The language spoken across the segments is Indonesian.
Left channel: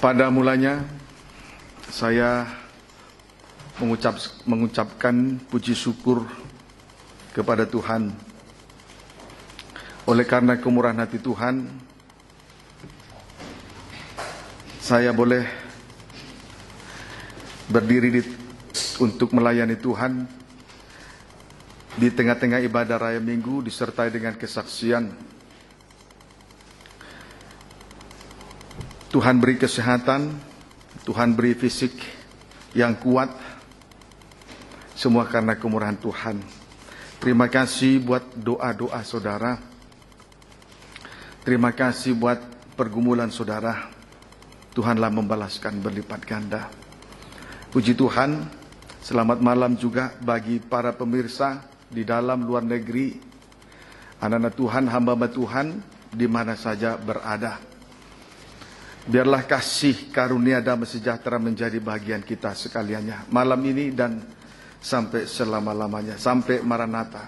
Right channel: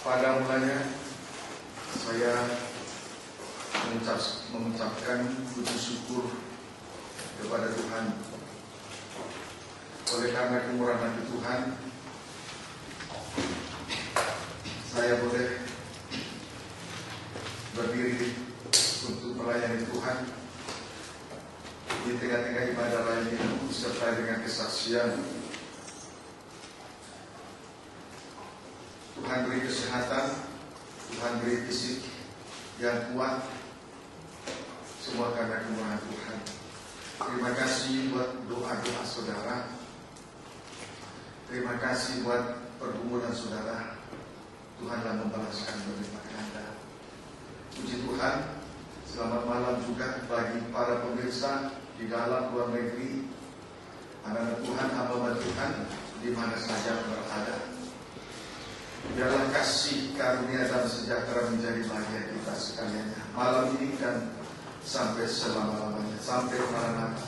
Pada mulanya saya mengucapkan puji syukur kepada Tuhan. Oleh karena kemurahan hati Tuhan, saya boleh berdiri untuk melayani Tuhan di tengah-tengah ibadah raya minggu, disertai dengan kesaksian. Tuhan beri kesehatan, Tuhan beri fisik yang kuat, semua karena kemurahan Tuhan. Terima kasih buat doa-doa saudara. Terima kasih buat pergumulan saudara. Tuhanlah membalaskan berlipat ganda. Puji Tuhan, selamat malam juga bagi para pemirsa di dalam luar negeri. Anak-anak Tuhan, hamba-hamba Tuhan di mana saja berada. Biarlah kasih, karunia, damai sejahtera menjadi bagian kita sekaliannya malam ini dan sampai selama-lamanya, sampai Maranatha.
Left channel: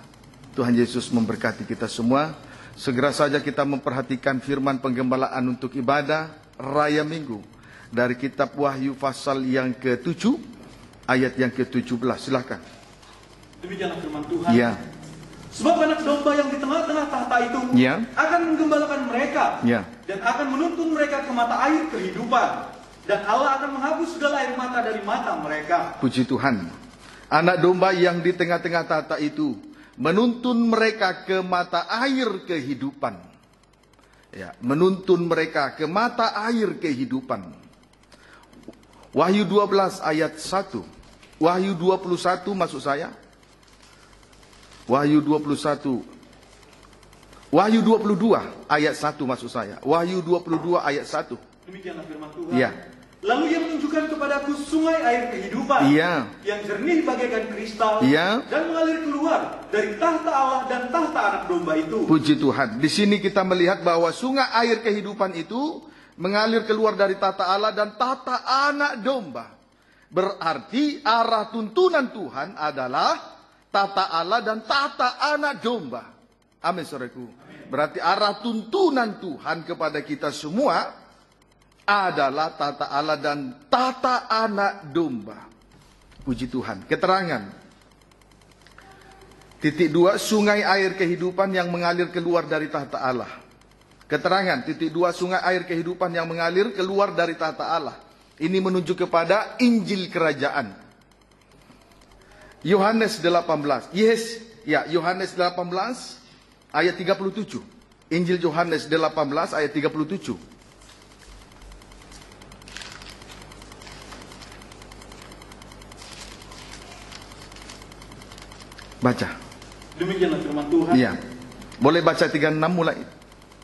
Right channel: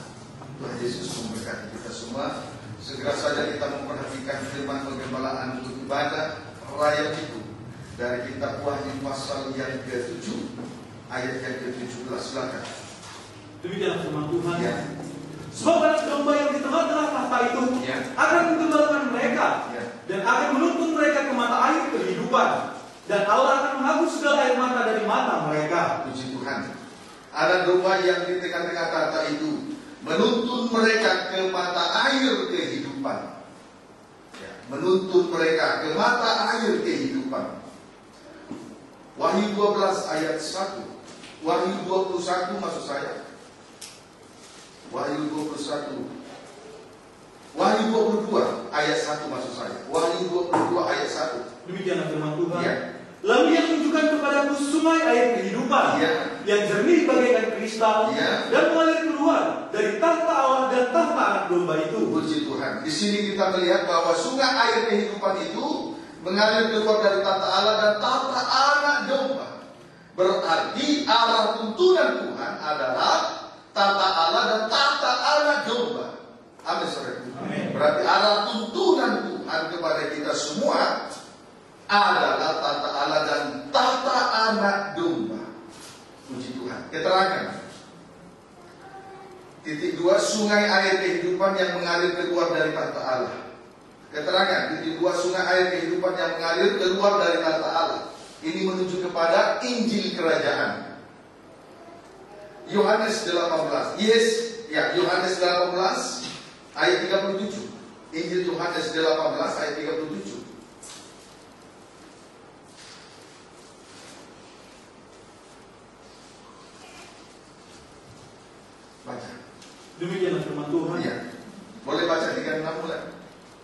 Tuhan Yesus memberkati kita semua. Segera saja kita memperhatikan firman penggembalaan untuk ibadah raya minggu dari kitab Wahyu pasal yang ke-7 ayat yang ke-17. Silakan. Demikianlah firman Tuhan. Ya. Sebab anak domba yang di tengah-tengah tahta itu akan menggembalakan mereka dan akan menuntun mereka ke mata air kehidupan, dan Allah akan menghapus segala air mata dari mata mereka. Puji Tuhan. Anak domba yang di tengah-tengah tahta itu menuntun mereka ke mata air kehidupan. Ya, menuntun mereka ke mata air kehidupan. Wahyu 12 ayat 1. Wahyu 21 maksud saya. Wahyu 21. Wahyu 22 ayat 1 maksud saya. Wahyu 22 ayat 1. Demikianlah firman Tuhan. Ya. Lalu ia menunjukkan kepadaku sungai air kehidupan yang jernih bagaikan kristal dan mengalir keluar dari tahta Allah dan tahta anak domba itu. Puji Tuhan. Di sini kita melihat bahwa sungai air kehidupan itu mengalir keluar dari tahta Allah dan tahta anak domba. Berarti arah tuntunan Tuhan adalah tahta Allah dan tahta anak domba. Amin, saudaraku. Berarti arah tuntunan Tuhan kepada kita semua adalah tahta Allah dan tahta anak domba. Puji Tuhan. Keterangan. Titik 2, sungai air kehidupan yang mengalir keluar dari tahta Allah. Keterangan. Titik 2, sungai air kehidupan yang mengalir keluar dari tahta Allah. Ini menunjuk kepada Injil Kerajaan. Yohanes 18. Yohanes 18 ayat 37. Injil Yohanes 18 ayat 37. Baca. Demikianlah firman Tuhan. Iya. Boleh baca 36 mulai.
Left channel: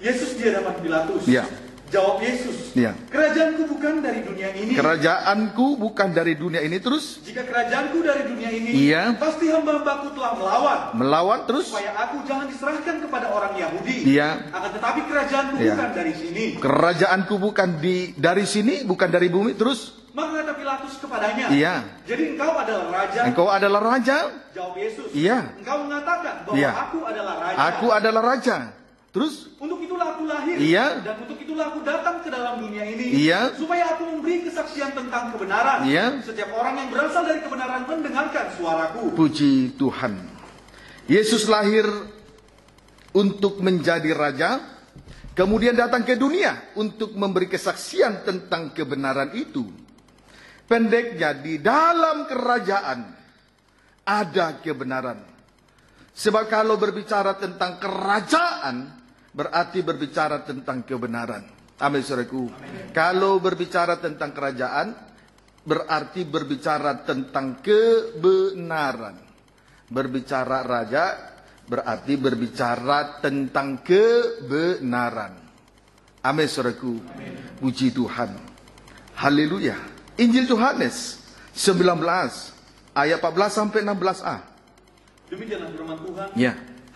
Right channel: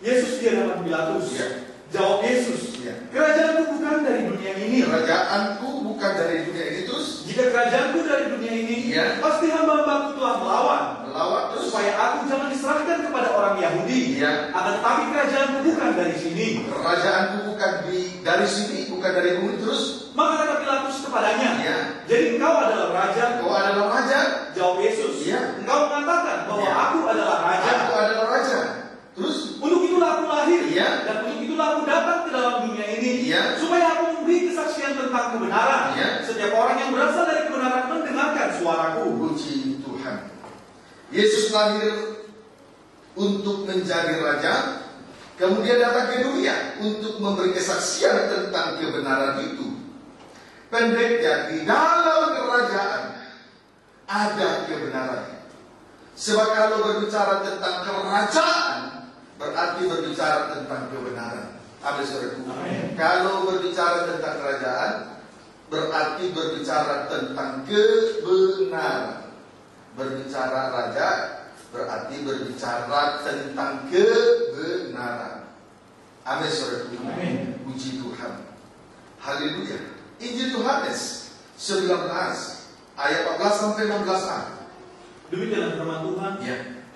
Yesus di hadapan Pilatus. Iya. Jawab Yesus. Iya. Kerajaanku bukan dari dunia ini. Kerajaanku bukan dari dunia ini. Terus? Jika kerajaanku dari dunia ini, pasti hamba-hambaku telah melawan. Melawan terus? Supaya aku jangan diserahkan kepada orang Yahudi. Iya. Akan tetapi kerajaanku bukan dari sini. Kerajaanku bukan dari sini, bukan dari bumi. Terus? Maka kata Pilatus kepadanya, jadi engkau adalah raja. Engkau adalah raja? Jawab Yesus, engkau mengatakan bahwa aku adalah raja. Aku adalah raja. Terus? Untuk itulah aku lahir, dan untuk itulah aku datang ke dalam dunia ini, supaya aku memberi kesaksian tentang kebenaran. Setiap orang yang berasal dari kebenaran mendengarkan suaraku. Puji Tuhan. Yesus lahir untuk menjadi raja, kemudian datang ke dunia untuk memberi kesaksian tentang kebenaran itu. Pendeknya, di dalam kerajaan ada kebenaran. Sebab kalau berbicara tentang kerajaan, berarti berbicara tentang kebenaran. Amin, saudaraku. Kalau berbicara tentang kerajaan, berarti berbicara tentang kebenaran. Berbicara raja, berarti berbicara tentang kebenaran. Amin, saudaraku. Puji Tuhan. Haleluya. Injil Yohanes 19 ayat 14 sampai 16a. Demikianlah firman Tuhan.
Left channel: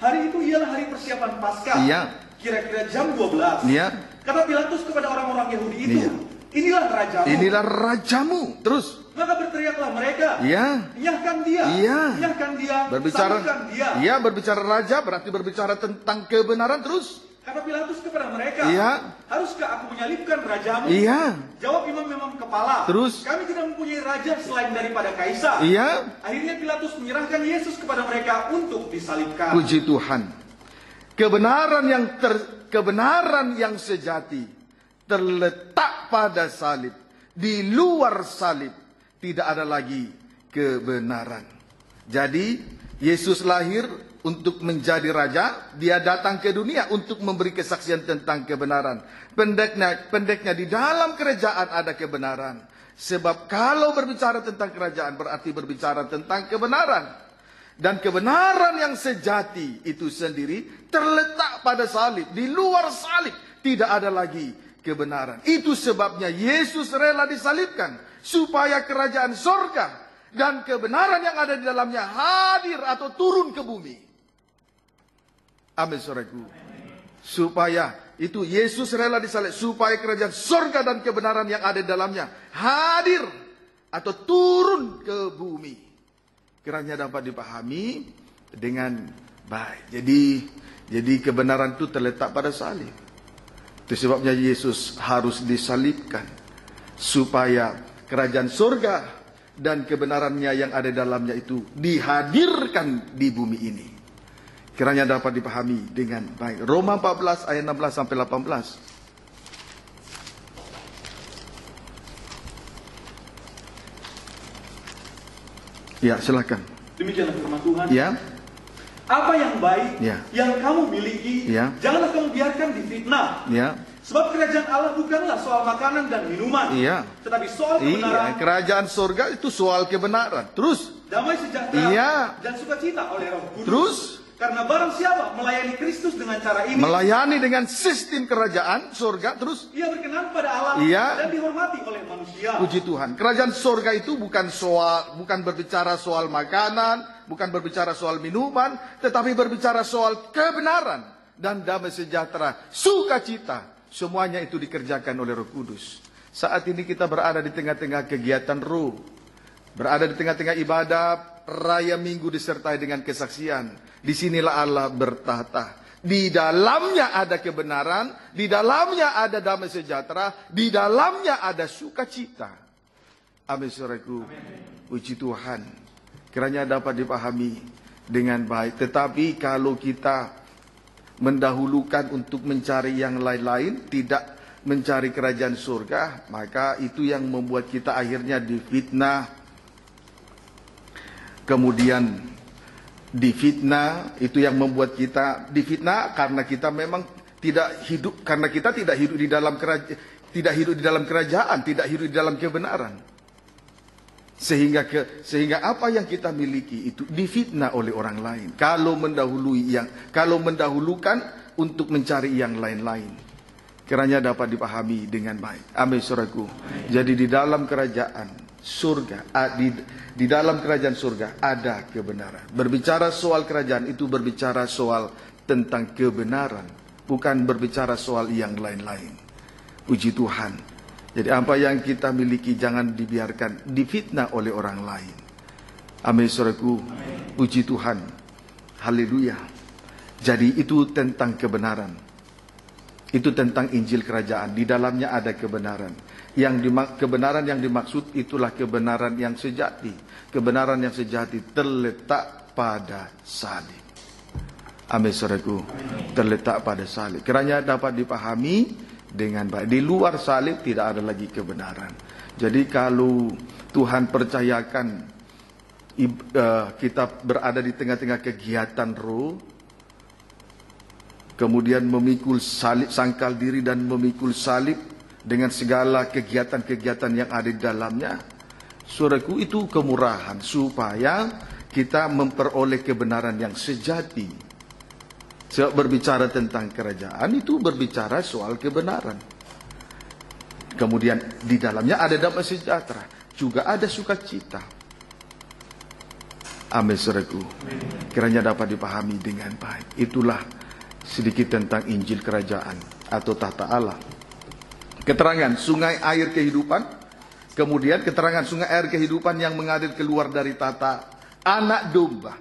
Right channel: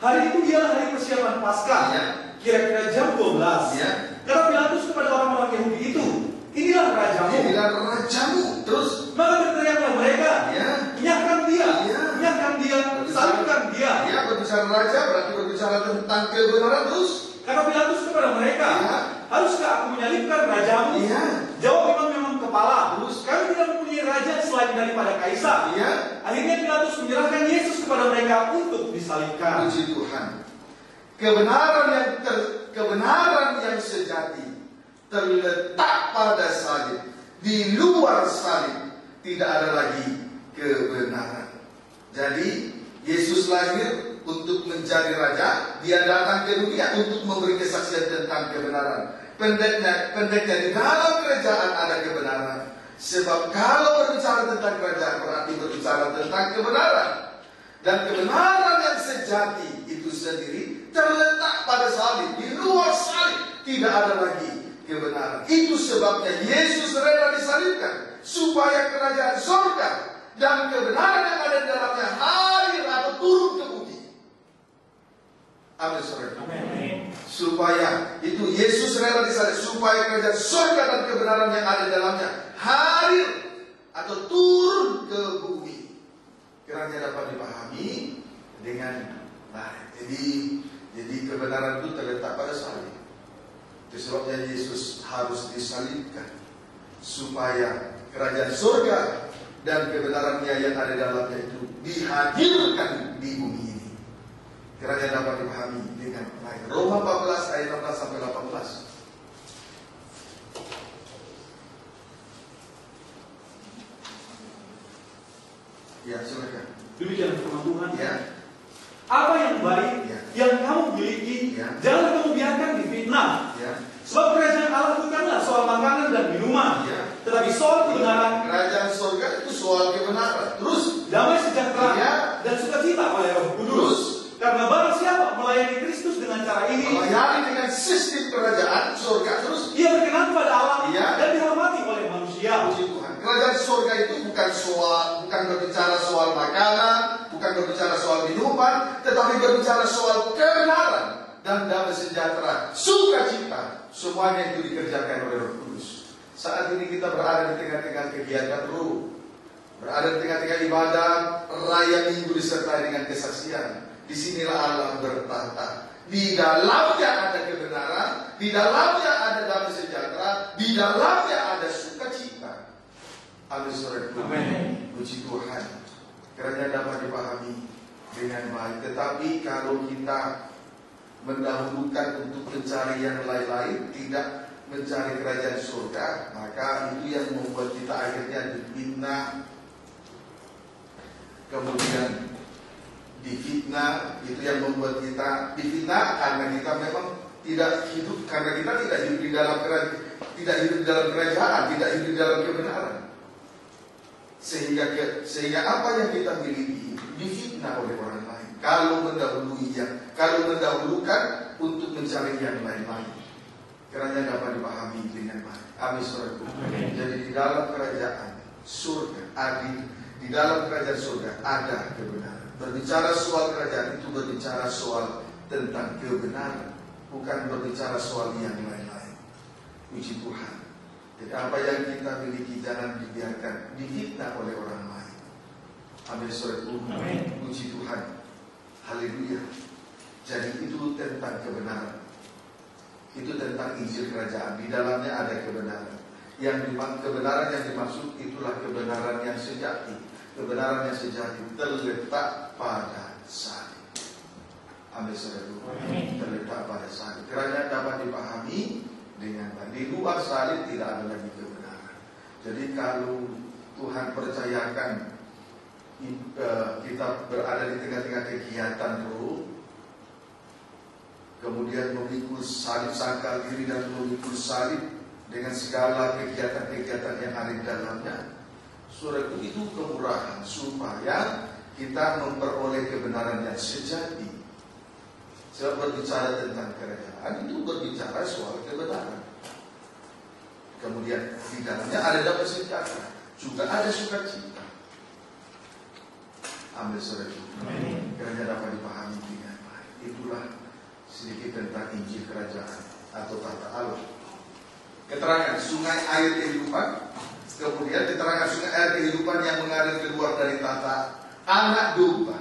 Hari itu ialah hari persiapan Paskah. Kira-kira jam 12. Kata Pilatus kepada orang-orang Yahudi itu, inilah rajamu. Inilah rajamu. Terus? Maka berteriaklah mereka. Nyahkan dia. Nyahkan dia. Salibkan dia. Berbicara raja berarti berbicara tentang kebenaran. Terus? Kata Pilatus kepada mereka, haruskah aku menyalibkan rajamu? Iya. Jawab imam-imam kepala, terus, kami tidak mempunyai raja selain daripada Kaisar. Iya. Akhirnya Pilatus menyerahkan Yesus kepada mereka untuk disalibkan. Puji Tuhan. Kebenaran yang sejati terletak pada salib. Di luar salib tidak ada lagi kebenaran. Jadi Yesus lahir untuk menjadi raja. Dia datang ke dunia untuk memberi kesaksian tentang kebenaran. Pendeknya di dalam kerajaan ada kebenaran. Sebab kalau berbicara tentang kerajaan berarti berbicara tentang kebenaran. Dan kebenaran yang sejati itu sendiri terletak pada salib. Di luar salib tidak ada lagi kebenaran. Itu sebabnya Yesus rela disalibkan, supaya kerajaan surga dan kebenaran yang ada di dalamnya hadir atau turun ke bumi. Amin, saudaraku. Supaya itu Yesus rela disalib, supaya kerajaan surga dan kebenaran yang ada di dalamnya hadir atau turun ke bumi. Kiranya dapat dipahami dengan baik. Jadi kebenaran itu terletak pada salib. Itu sebabnya Yesus harus disalibkan, supaya kerajaan surga dan kebenarannya yang ada dalamnya itu dihadirkan di bumi ini. Kiranya dapat dipahami dengan baik. Roma 14 ayat 16 sampai 18. Ya, silakan. Demikianlah firman Tuhan. Ya. Apa yang baik yang kamu miliki, janganlah kamu biarkan difitnah. Sebab kerajaan Allah bukanlah soal makanan dan minuman, tetapi soal kebenaran. Kerajaan surga itu soal kebenaran. Terus damai sejahtera dan sukacita oleh Roh Kudus. Terus karena barang siapa melayani Kristus dengan cara ini, melayani dengan sistem kerajaan surga, terus ia berkenan kepada Allah dan dihormati oleh manusia. Puji Tuhan. Kerajaan surga itu bukan berbicara soal makanan, bukan berbicara soal minuman, tetapi berbicara soal kebenaran dan damai sejahtera, sukacita. Semuanya itu dikerjakan oleh Roh Kudus. Saat ini kita berada di tengah-tengah kegiatan roh, berada di tengah-tengah ibadah raya minggu disertai dengan kesaksian. Disinilah Allah bertahta. Di dalamnya ada kebenaran, di dalamnya ada damai sejahtera, di dalamnya ada sukacita. Amin, saudaraku. Puji Tuhan. Kiranya dapat dipahami dengan baik. Tetapi kalau kita mendahulukan untuk mencari yang lain-lain, tidak mencari kerajaan surga, maka itu yang membuat kita akhirnya difitnah. Kemudian difitnah, itu yang membuat kita difitnah karena kita memang tidak hidup, karena kita tidak hidup di dalam kerajaan, tidak hidup di dalam kerajaan, tidak hidup di dalam kebenaran. Sehingga apa yang kita miliki itu difitnah oleh orang lain. Kalau mendahulukan untuk mencari yang lain-lain. Kiranya dapat dipahami dengan baik. Amin, saudaraku. Jadi di dalam kerajaan surga, di dalam kerajaan surga ada kebenaran. Berbicara soal kerajaan itu berbicara soal tentang kebenaran, bukan berbicara soal yang lain-lain. Puji Tuhan. Jadi apa yang kita miliki jangan dibiarkan difitnah oleh orang lain. Amin, saudaraku. Puji Tuhan. Haleluya. Jadi itu tentang kebenaran. Itu tentang Injil kerajaan. Di dalamnya ada kebenaran. Kebenaran yang dimaksud itulah kebenaran yang sejati. Kebenaran yang sejati terletak pada salib. Amin, saudaraku. Terletak pada salib. Kiranya dapat dipahami dengan baik. Di luar salib tidak ada lagi kebenaran. Jadi kalau Tuhan percayakan kita berada di tengah-tengah kegiatan roh, kemudian memikul salib, sangkal diri dan memikul salib dengan segala kegiatan-kegiatan yang ada di dalamnya, saudaraku, itu kemurahan supaya kita memperoleh kebenaran yang sejati. Sebab berbicara tentang kerajaan itu berbicara soal kebenaran. Kemudian di dalamnya ada damai sejahtera, juga ada sukacita. Amin, saudaraku. Kiranya dapat dipahami dengan baik. Itulah sedikit tentang Injil kerajaan atau tahta Allah. Keterangan sungai air kehidupan. Kemudian keterangan sungai air kehidupan yang mengalir keluar dari tahta Anak Domba.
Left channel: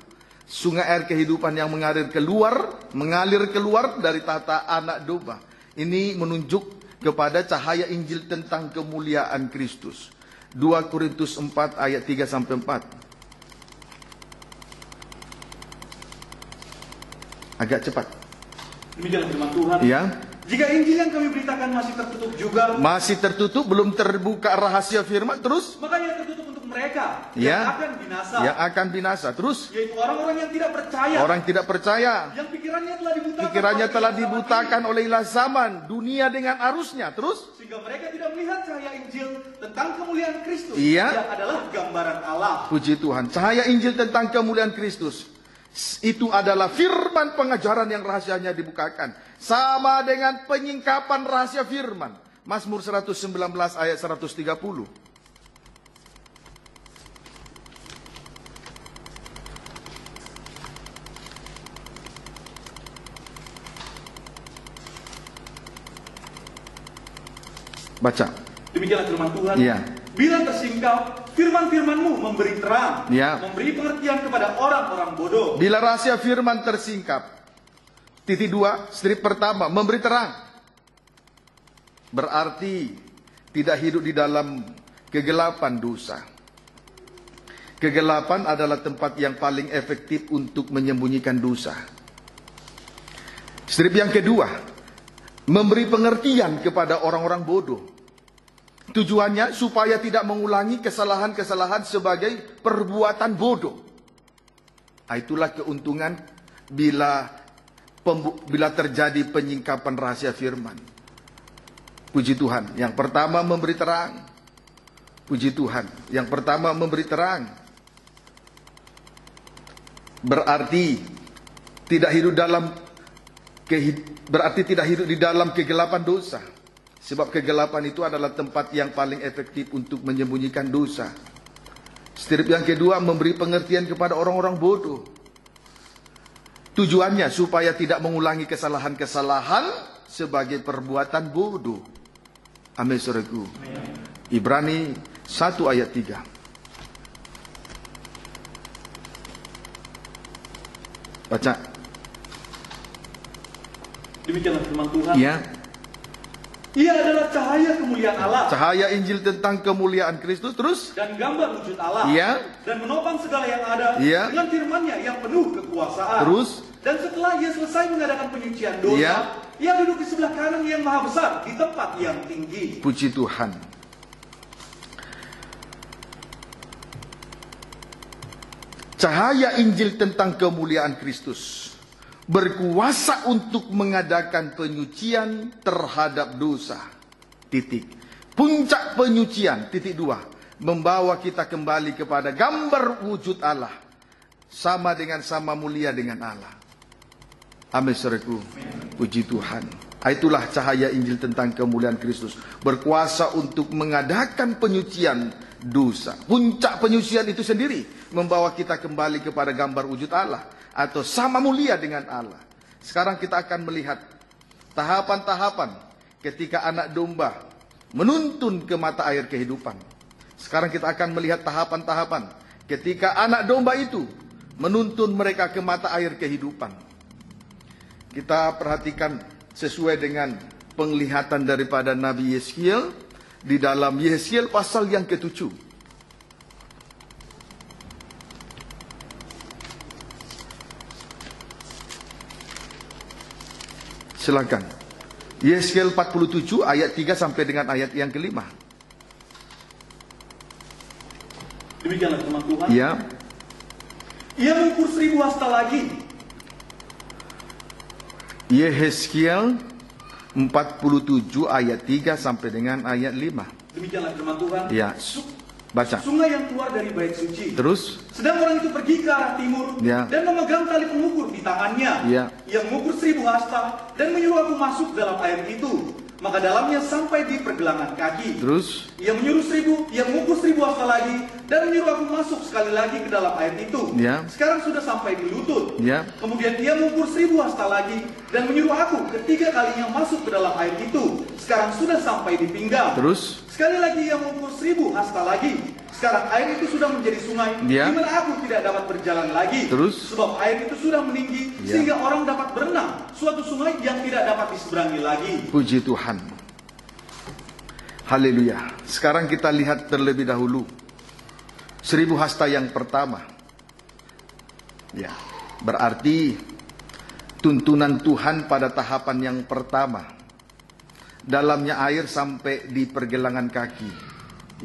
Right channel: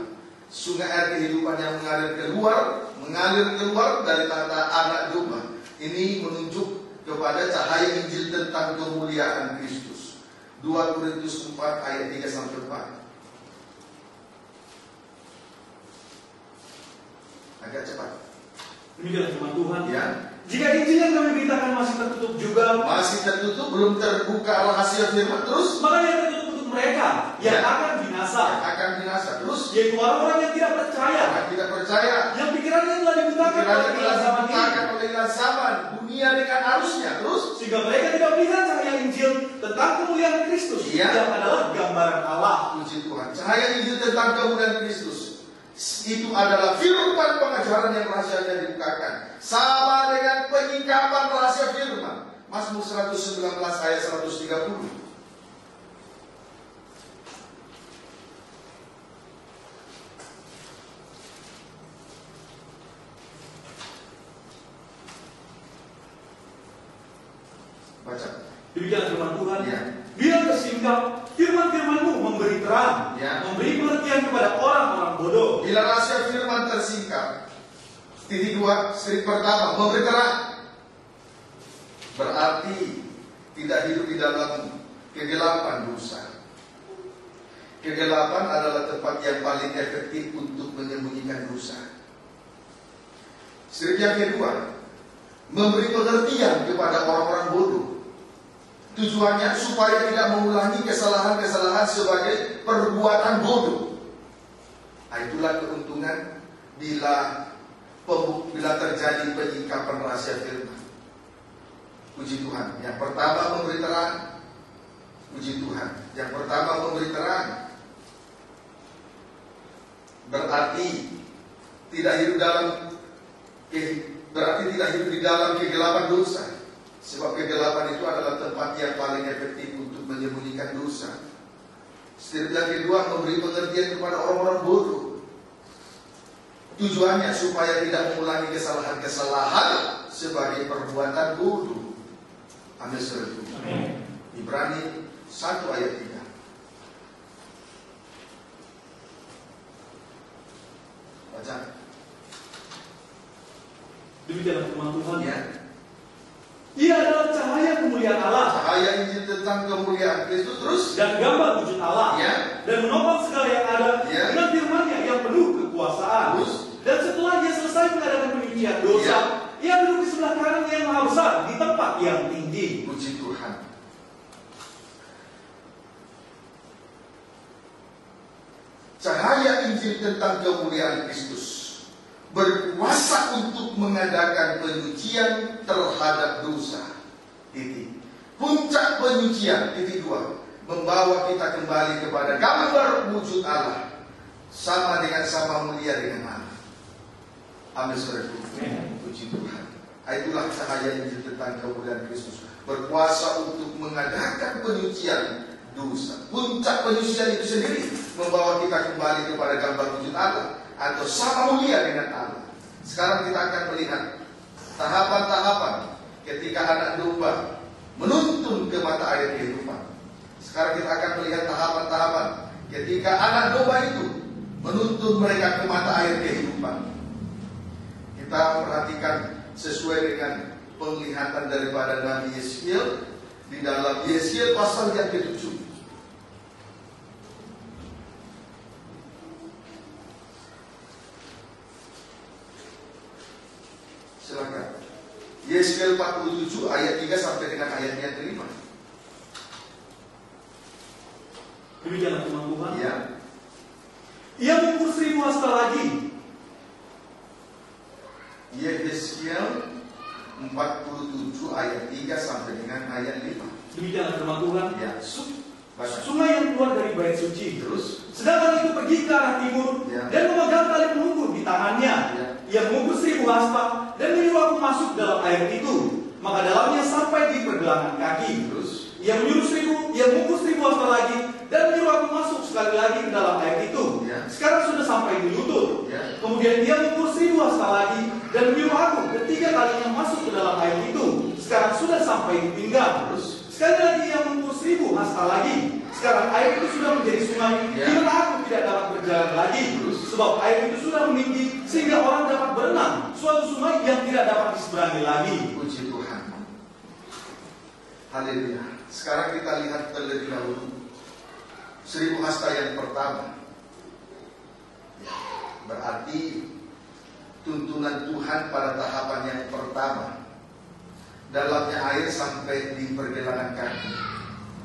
Sungai air kehidupan yang mengalir keluar dari tahta Anak Domba. Ini menunjuk kepada cahaya Injil tentang kemuliaan Kristus. 2 Korintus 4 ayat 3-4. Agak cepat. Demikian firman Tuhan. Ya. Jika Injil yang kami beritakan masih tertutup juga, masih tertutup, belum terbuka rahasia firman, terus maka yang tertutup untuk mereka yang akan binasa. Yang akan binasa. Terus yaitu orang-orang yang tidak percaya. Orang tidak percaya. Yang pikirannya telah dibutakan oleh ilah zaman, dunia dengan arusnya. Terus sehingga mereka tidak melihat cahaya Injil tentang kemuliaan Kristus yang adalah gambaran Allah. Puji Tuhan. Cahaya Injil tentang kemuliaan Kristus itu adalah firman pengajaran yang rahasianya dibukakan. Sama dengan penyingkapan rahasia firman. Mazmur 119 ayat 130. Baca. Demikianlah firman Tuhan. Iya. Bila tersingkap, firman-firman-Mu memberi terang, memberi pengertian kepada orang-orang bodoh. Bila rahasia firman tersingkap, titik 2, strip pertama, memberi terang. Berarti tidak hidup di dalam kegelapan dosa. Kegelapan adalah tempat yang paling efektif untuk menyembunyikan dosa. Strip yang kedua, memberi pengertian kepada orang-orang bodoh. Tujuannya supaya tidak mengulangi kesalahan-kesalahan sebagai perbuatan bodoh. Itulah keuntungan bila terjadi penyingkapan rahasia firman. Puji Tuhan. Yang pertama memberi terang. Puji Tuhan. Yang pertama memberi terang. Berarti tidak hidup di dalam kegelapan dosa. Sebab kegelapan itu adalah tempat yang paling efektif untuk menyembunyikan dosa. Strip yang kedua, memberi pengertian kepada orang-orang bodoh. Tujuannya supaya tidak mengulangi kesalahan-kesalahan sebagai perbuatan bodoh. Amin, saudaraku. Ibrani 1 ayat 3. Baca. Demikianlah firman Tuhan. Ya. Ia adalah cahaya kemuliaan Allah. Cahaya Injil tentang kemuliaan Kristus. Terus. Dan gambar wujud Allah. Ya. Dan menopang segala yang ada. Ya. Dengan firman-Nya yang penuh kekuasaan. Terus. Dan setelah Ia selesai mengadakan penyucian dosa, Ia duduk di sebelah kanan yang maha besar di tempat yang tinggi. Puji Tuhan. Cahaya Injil tentang kemuliaan Kristus berkuasa untuk mengadakan penyucian terhadap dosa. Titik. Puncak penyucian. Titik 2. Membawa kita kembali kepada gambar wujud Allah. Sama mulia dengan Allah. Amin, saudaraku. Puji Tuhan. Itulah cahaya Injil tentang kemuliaan Kristus. Berkuasa untuk mengadakan penyucian dosa. Puncak penyucian itu sendiri membawa kita kembali kepada gambar wujud Allah. Atau sama mulia dengan Allah. Sekarang kita akan melihat tahapan-tahapan ketika anak domba menuntun ke mata air kehidupan. Sekarang kita akan melihat tahapan-tahapan ketika anak domba itu menuntun mereka ke mata air kehidupan. Kita perhatikan sesuai dengan penglihatan daripada Nabi Yeskiel di dalam Yeskiel pasal yang ke-7. Silakan. Yeskiel 47 ayat 3 sampai dengan ayat yang ke-5. Demikianlah firman Tuhan. Ya. Ia mengukur 1000 hasta lagi. Yeskiel 47 ayat 3 sampai dengan ayat 5. Demikianlah firman Tuhan. Ya. Baca. Sungai yang keluar dari bait suci. Terus. Sedang orang itu pergi ke arah timur dan memegang tali pengukur di tangannya. Ia mengukur 1000 hasta dan menyuruh aku masuk dalam air itu. Maka dalamnya sampai di pergelangan kaki. Terus. Ia mengukur 1000 hasta lagi dan menyuruh aku masuk sekali lagi ke dalam air itu. Sekarang sudah sampai di lutut. Kemudian ia mengukur 1000 hasta lagi dan menyuruh aku ketiga kalinya masuk ke dalam air itu. Sekarang sudah sampai di pinggang. Terus. Sekali lagi ia mengukur 1000 hasta lagi. Sekarang air itu sudah menjadi sungai di mana aku tidak dapat berjalan lagi. Terus. Sebab air itu sudah meninggi sehingga orang dapat berenang. Suatu sungai yang tidak dapat diseberangi lagi. Puji Tuhan. Haleluya. Sekarang kita lihat terlebih dahulu 1000 hasta yang pertama. Ya, berarti tuntunan Tuhan pada tahapan yang pertama. Dalamnya air sampai di pergelangan kaki.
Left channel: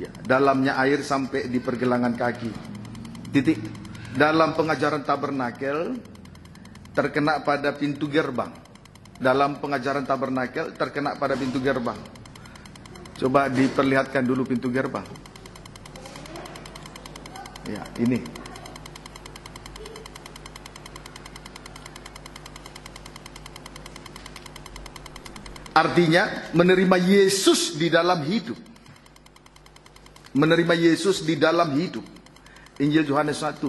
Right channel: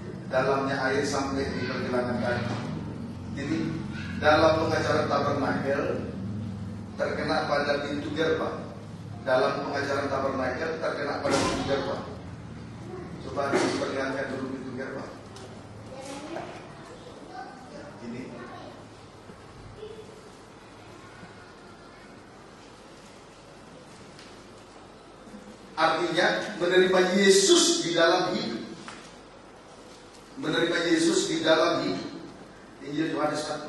Ya, dalamnya air sampai di pergelangan kaki. Titik. Dalam pengajaran tabernakel terkena pada pintu gerbang. Dalam pengajaran tabernakel terkena pada pintu gerbang. Coba diperlihatkan dulu pintu gerbang. Ya, ini. Artinya menerima Yesus di dalam hidup. Menerima Yesus di dalam hidup. Injil Yohanes 1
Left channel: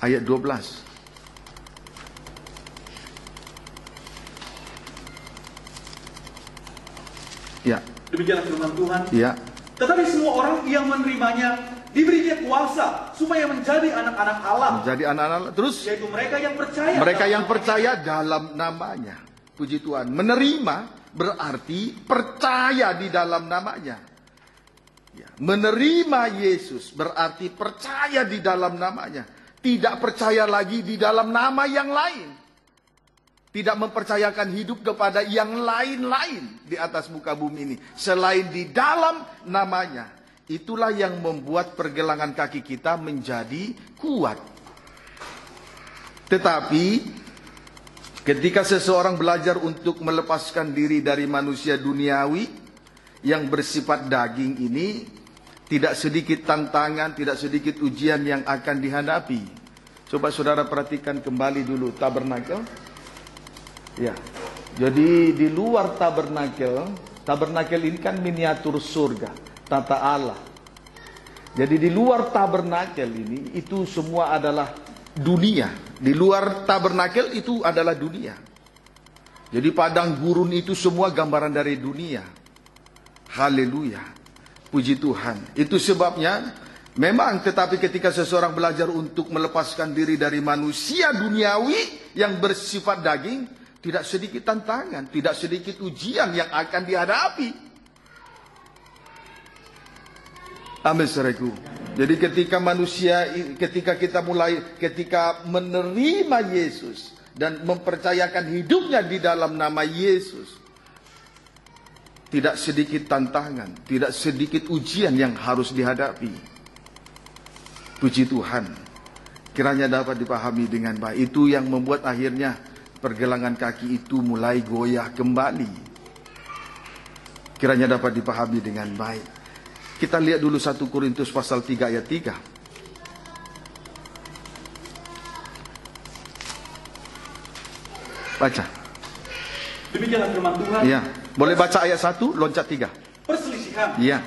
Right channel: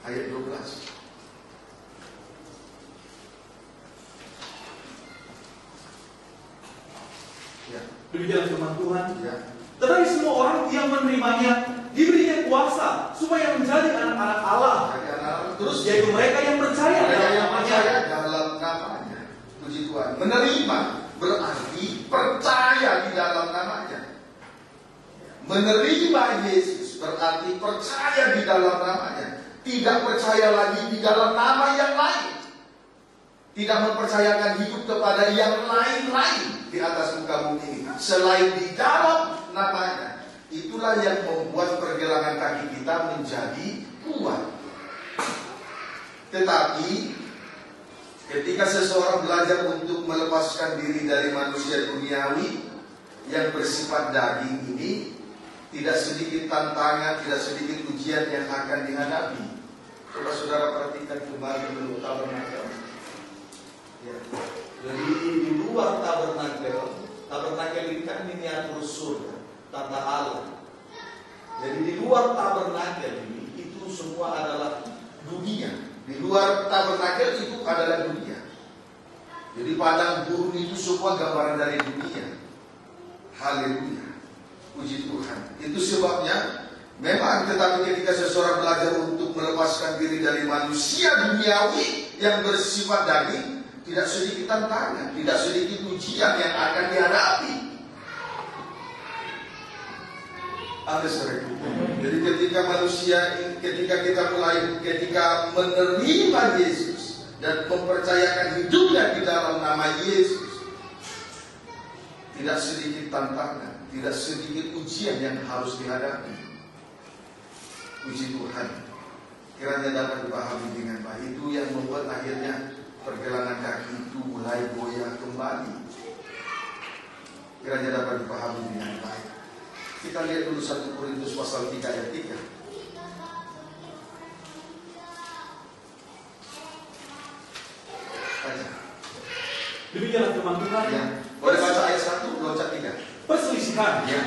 ayat 12. Ya. Demikian firman Tuhan. Ya. Tetapi semua orang yang menerimanya diberinya kuasa supaya menjadi anak-anak Allah. Menjadi anak-anak. Terus yaitu mereka yang percaya. Mereka yang percaya dalam namanya. Puji Tuhan. Menerima berarti percaya di dalam namanya. Menerima Yesus berarti percaya di dalam namanya. Tidak percaya lagi di dalam nama yang lain. Tidak mempercayakan hidup kepada yang lain-lain di atas muka bumi ini selain di dalam namanya. Itulah yang membuat pergelangan kaki kita menjadi kuat. Tetapi ketika seseorang belajar untuk melepaskan diri dari manusia duniawi yang bersifat daging ini, tidak sedikit tantangan, tidak sedikit ujian yang akan dihadapi. Coba saudara perhatikan kembali dulu tabernakel. Ya, jadi di luar tabernakel ini kan miniatur surga, tata Allah. Jadi di luar tabernakel ini itu semua adalah dunia. Di luar tabernakel itu adalah dunia. Jadi padang gurun itu semua gambaran dari dunia. Haleluya. Puji Tuhan. Itu sebabnya memang, tetapi ketika seseorang belajar untuk melepaskan diri dari manusia duniawi yang bersifat daging, tidak sedikit tantangan, tidak sedikit ujian yang akan dihadapi. Amin, saudaraku. Jadi ketika kita menerima Yesus dan mempercayakan hidupnya di dalam nama Yesus, tidak sedikit tantangan, tidak sedikit ujian yang harus dihadapi. Puji Tuhan. Kiranya dapat dipahami dengan baik. Itu yang membuat akhirnya pergelangan kaki itu mulai goyah kembali. Kiranya dapat dipahami dengan baik. Kita lihat dulu 1 Korintus pasal 3 ayat 3. Baca. Demikianlah firman Tuhan. Iya. Boleh baca ayat 1, loncat 3. Perselisihan. Iya.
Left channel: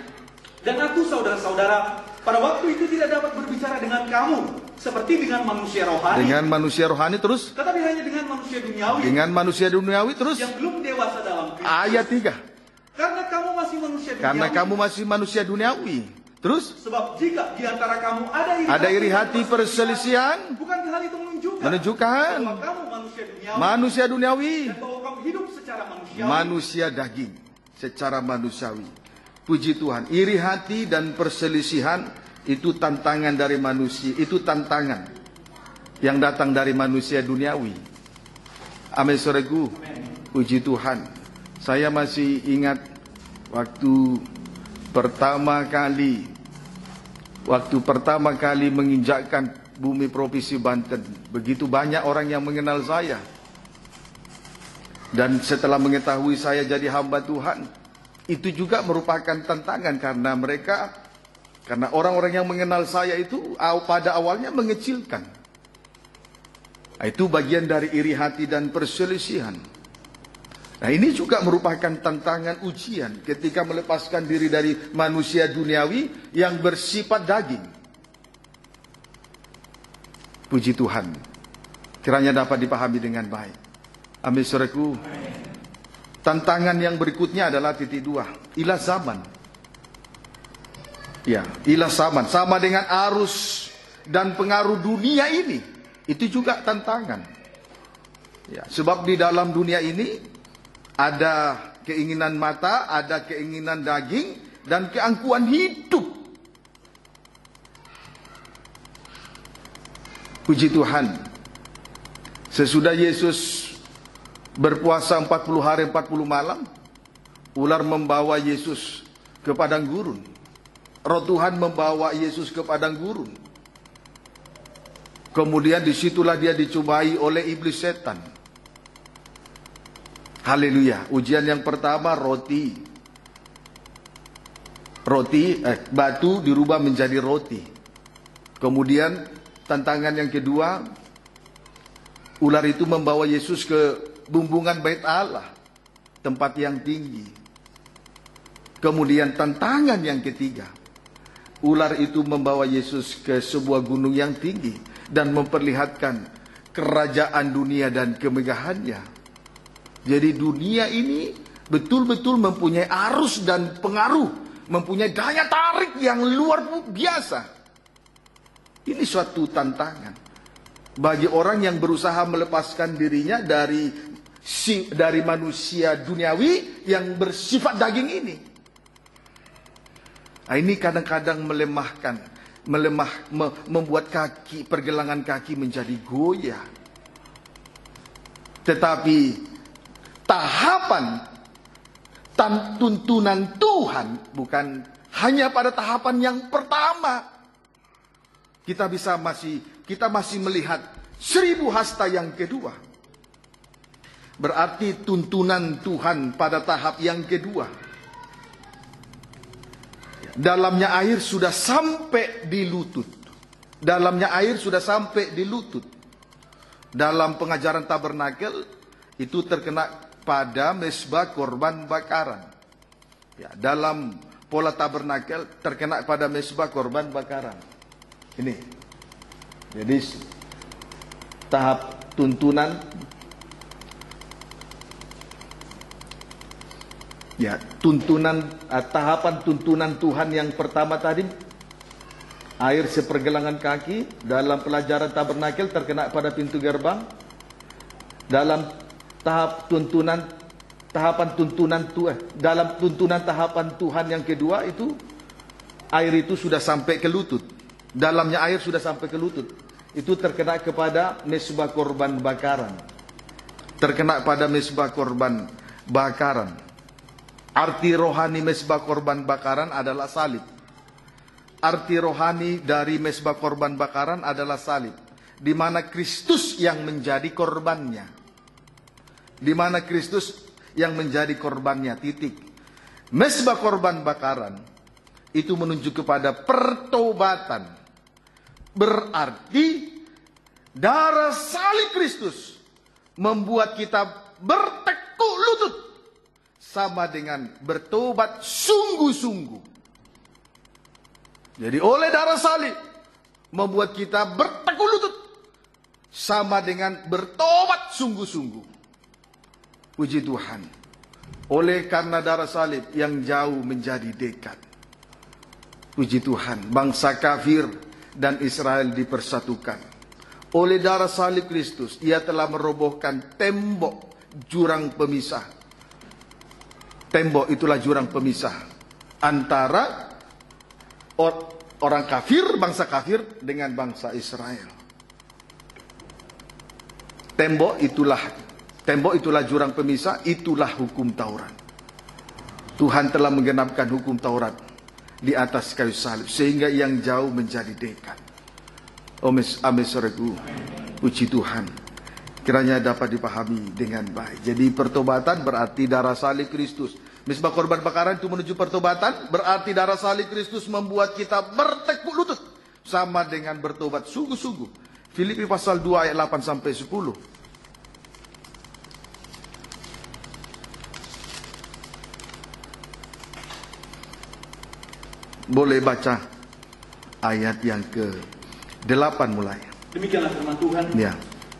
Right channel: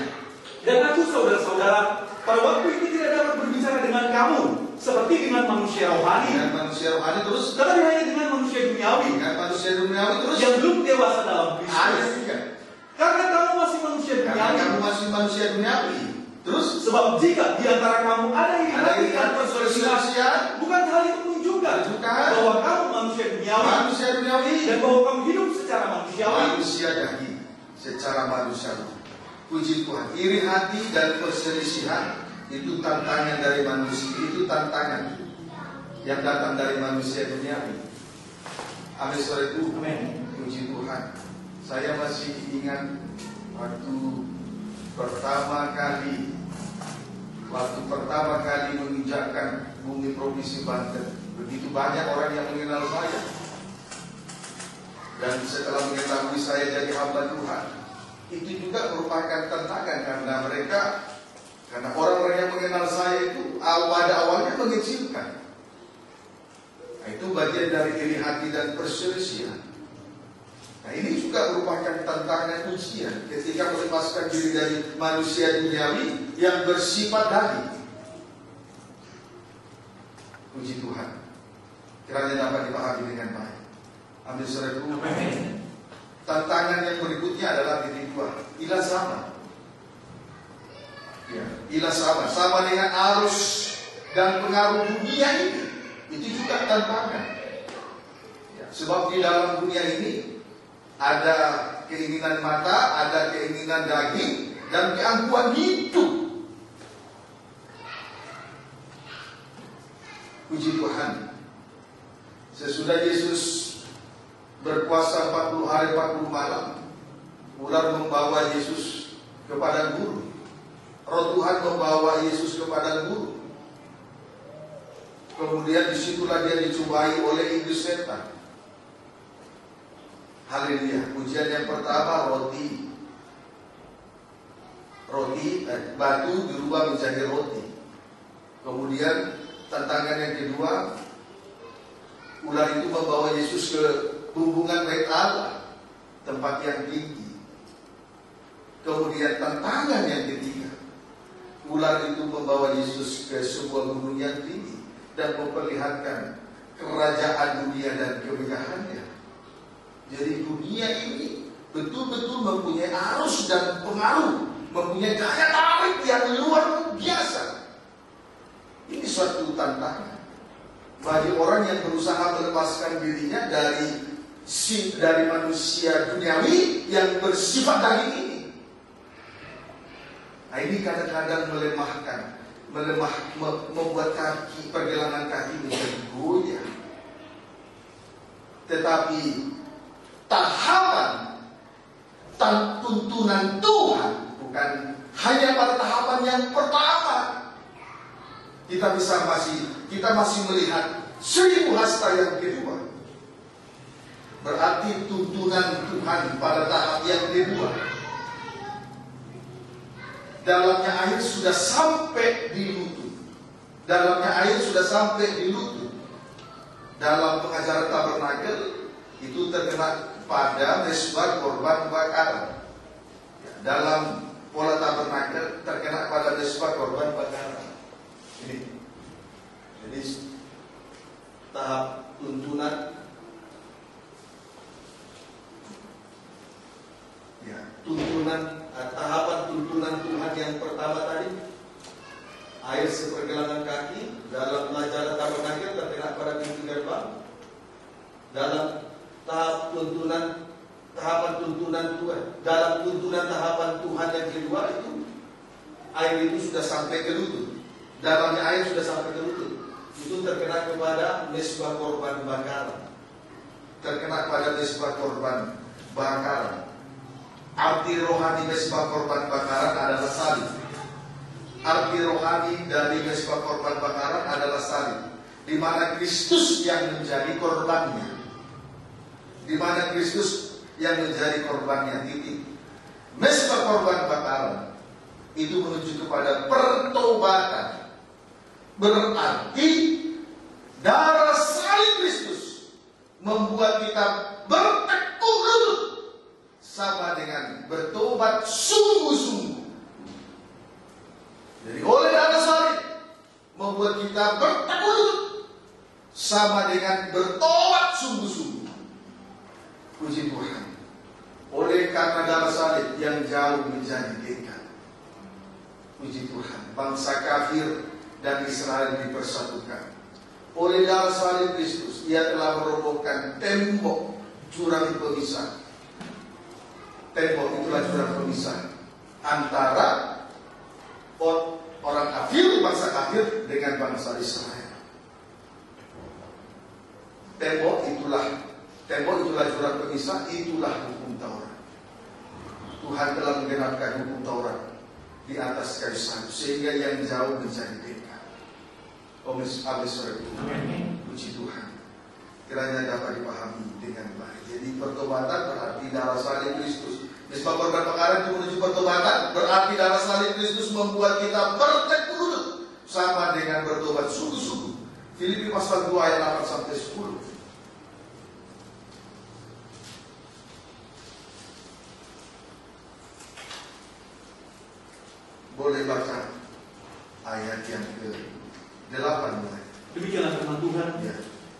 Dan aku saudara-saudara, pada waktu itu tidak dapat berbicara dengan kamu seperti dengan manusia rohani. Dengan manusia rohani terus. Tetapi hanya dengan manusia duniawi. Dengan manusia duniawi terus. Yang belum dewasa dalam Kristus. Ayat 3. Karena kamu masih manusia duniawi. Karena kamu masih manusia duniawi. Terus. Sebab jika di antara kamu ada iri hati perselisihan, bukan hal itu menunjukkan bahwa kamu manusia duniawi. Dan bahwa kamu hidup secara manusiawi. Manusia daging secara manusiawi. Puji Tuhan. Iri hati dan perselisihan itu tantangan dari manusia. Itu tantangan yang datang dari manusia duniawi. Amin, saudaraku. Puji Tuhan. Saya masih ingat waktu pertama kali menginjakkan bumi provinsi Banten. Begitu banyak orang yang mengenal saya. Dan setelah mengetahui saya jadi hamba Tuhan, itu juga merupakan tantangan karena orang-orang yang mengenal saya itu pada awalnya mengecilkan. Itu bagian dari iri hati dan perselisihan. Nah, ini juga merupakan tantangan ujian ketika melepaskan diri dari manusia duniawi yang bersifat daging. Puji Tuhan. Kiranya dapat dipahami dengan baik. Amin, saudaraku. Tantangan yang berikutnya adalah titik 2. Ilah zaman. Ya, ilah zaman. Sama dengan arus dan pengaruh dunia ini. Itu juga tantangan. Ya, sebab di dalam dunia ini ada keinginan mata, ada keinginan daging, dan keangkuhan hidup. Puji Tuhan, sesudah Yesus berpuasa 40 hari 40 malam, ular membawa Yesus ke padang gurun. Roh Tuhan membawa Yesus ke padang gurun. Kemudian disitulah dia dicobai oleh iblis setan. Haleluya. Ujian yang pertama batu dirubah menjadi roti. Kemudian tantangan yang kedua, ular itu membawa Yesus ke bumbungan bait Allah, tempat yang tinggi. Kemudian tantangan yang ketiga, ular itu membawa Yesus ke sebuah gunung yang tinggi dan memperlihatkan kerajaan dunia dan kemegahannya. Jadi dunia ini betul-betul mempunyai arus dan pengaruh, mempunyai daya tarik yang luar biasa. Ini suatu tantangan bagi orang yang berusaha melepaskan dirinya dari manusia duniawi yang bersifat daging ini. Nah, ini kadang-kadang membuat pergelangan kaki menjadi goyah. Tetapi tahapan tuntunan Tuhan bukan hanya pada tahapan yang pertama. Kita masih melihat 1000 hasta yang kedua. Berarti tuntunan Tuhan pada tahap yang kedua. Dalamnya air sudah sampai di lutut. Dalam pengajaran tabernakel itu terkena pada mezbah korban bakaran. Ya, dalam pola tabernakel terkena pada mezbah korban bakaran. Ini. Jadi tahap tuntunan, ya, tahapan tuntunan Tuhan yang pertama tadi, air sepergelangan kaki. Dalam pelajaran tabernakel terkena pada pintu gerbang. Dalam tahapan tuntunan Tuhan, dalam tuntunan tahapan Tuhan yang kedua itu, air itu sudah sampai ke lutut. Dalamnya air sudah sampai ke lutut. Itu terkena kepada mezbah korban bakaran. Arti rohani mezbah korban bakaran adalah salib. Arti rohani dari mezbah korban bakaran adalah salib, di mana Kristus yang menjadi korbannya. Titik. Mezbah korban bakaran itu menunjuk kepada pertobatan. Berarti darah salib Kristus membuat kita bertekuk lutut, sama dengan bertobat sungguh-sungguh. Jadi oleh darah salib membuat kita bertekuk lutut, sama dengan bertobat sungguh-sungguh. Puji Tuhan. Oleh karena darah salib yang jauh menjadi dekat. Puji Tuhan, bangsa kafir dan Israel dipersatukan. Oleh darah salib Kristus, Ia telah merobohkan tembok jurang pemisah. Tembok itulah jurang pemisah antara orang kafir, bangsa kafir dengan bangsa Israel. Tembok itulah jurang pemisah, itulah hukum Taurat. Tuhan telah menggenapkan hukum Taurat di atas kayu salib, sehingga yang jauh menjadi dekat. Amin, saudaraku. Puji Tuhan. Kiranya dapat dipahami dengan baik. Jadi pertobatan berarti darah salib Kristus. Mezbah korban bakaran itu menuju pertobatan, berarti darah salib Kristus membuat kita bertekuk lutut, sama dengan bertobat sungguh-sungguh. Filipi pasal 2 ayat 8 sampai 10. Boleh baca ayat yang ke-8 mulai. Demikianlah firman Tuhan. Ya.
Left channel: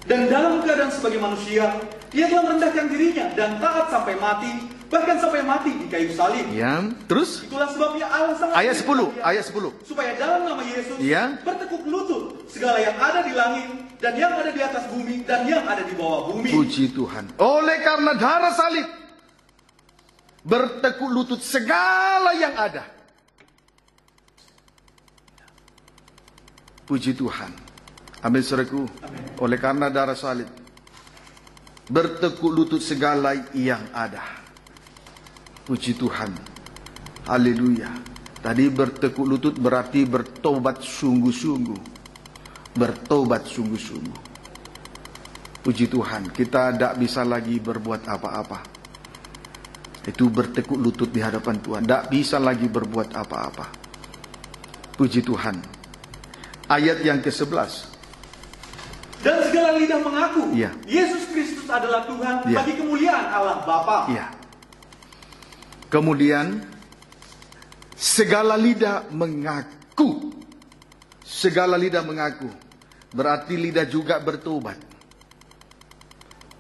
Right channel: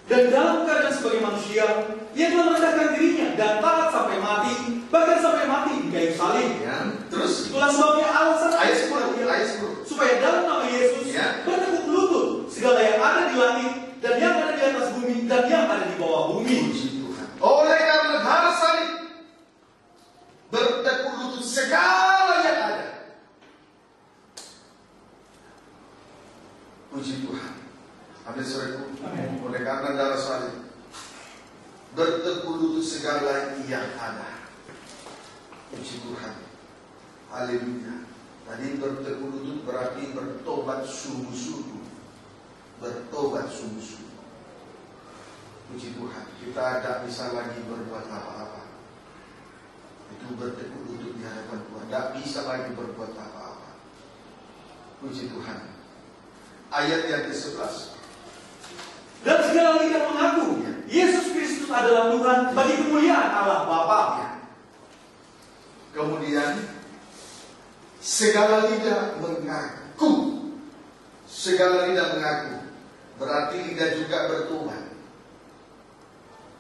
Dan dalam keadaan sebagai manusia, Ia telah merendahkan dirinya dan taat sampai mati, bahkan sampai mati di kayu salib. Ya. Terus? Itulah sebabnya Allah ayat 10. Supaya dalam nama Yesus bertekuk lutut segala yang ada di langit dan yang ada di atas bumi dan yang ada di bawah bumi. Puji Tuhan. Oleh karena darah salib bertekuk lutut segala yang ada. Puji Tuhan. Amin saudaraku. Oleh karena darah salib, bertekuk lutut segala yang ada. Puji Tuhan. Haleluya. Tadi bertekuk lutut berarti bertobat sungguh-sungguh. Bertobat sungguh-sungguh. Puji Tuhan, kita tidak bisa lagi berbuat apa-apa. Itu bertekuk lutut di hadapan Tuhan. Tidak bisa lagi berbuat apa-apa. Puji Tuhan. Ayat yang ke-11. Dan segala lidah mengaku, ya, Yesus Kristus adalah Tuhan, ya, bagi kemuliaan Allah Bapa. Ya. Kemudian segala lidah mengaku. Segala lidah mengaku. Berarti lidah juga bertobat.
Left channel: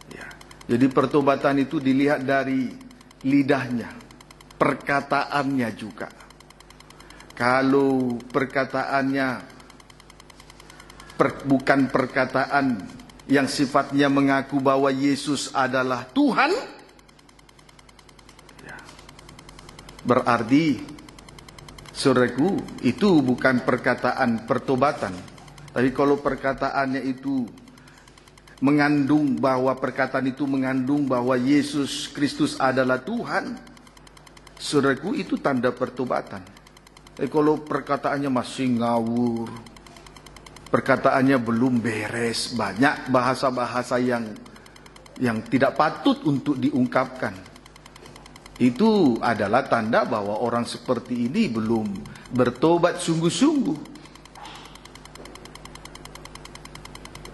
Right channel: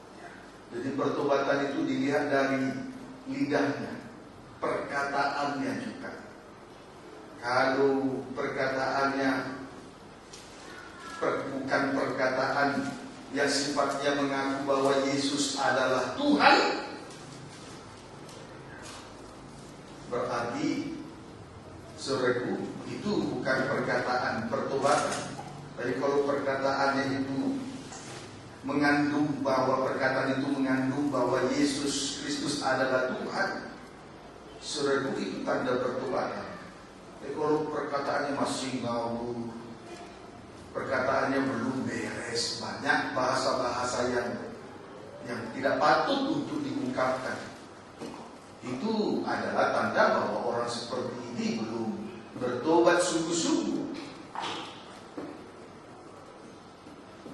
Ya. Jadi pertobatan itu dilihat dari lidahnya, perkataannya juga. Kalau perkataannya bukan perkataan yang sifatnya mengaku bahwa Yesus adalah Tuhan, berarti saudaraku itu bukan perkataan pertobatan. Tapi kalau perkataannya itu mengandung bahwa perkataan itu mengandung bahwa Yesus Kristus adalah Tuhan, saudaraku itu tanda pertobatan. Tapi kalau perkataannya masih ngawur, perkataannya belum beres, banyak bahasa-bahasa yang tidak patut untuk diungkapkan, itu adalah tanda bahwa orang seperti ini belum bertobat sungguh-sungguh.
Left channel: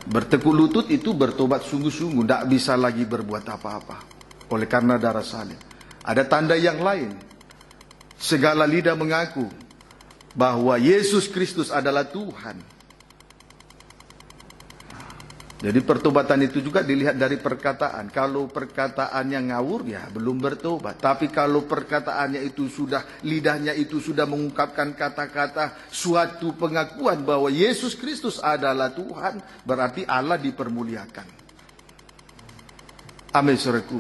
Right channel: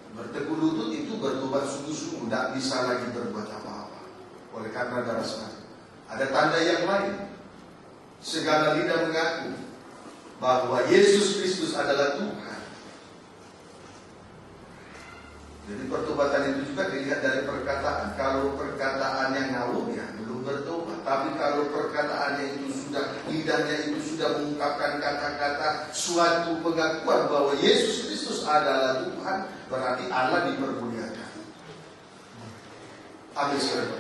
Bertekuk lutut itu bertobat sungguh-sungguh, tidak bisa lagi berbuat apa-apa oleh karena darah salib. Ada tanda yang lain. Segala lidah mengaku bahwa Yesus Kristus adalah Tuhan. Jadi pertobatan itu juga dilihat dari perkataan. Kalau perkataannya ngawur, ya belum bertobat. Tapi kalau perkataannya itu sudah, lidahnya itu sudah mengungkapkan kata-kata suatu pengakuan bahwa Yesus Kristus adalah Tuhan, berarti Allah dipermuliakan. Amin saudaraku.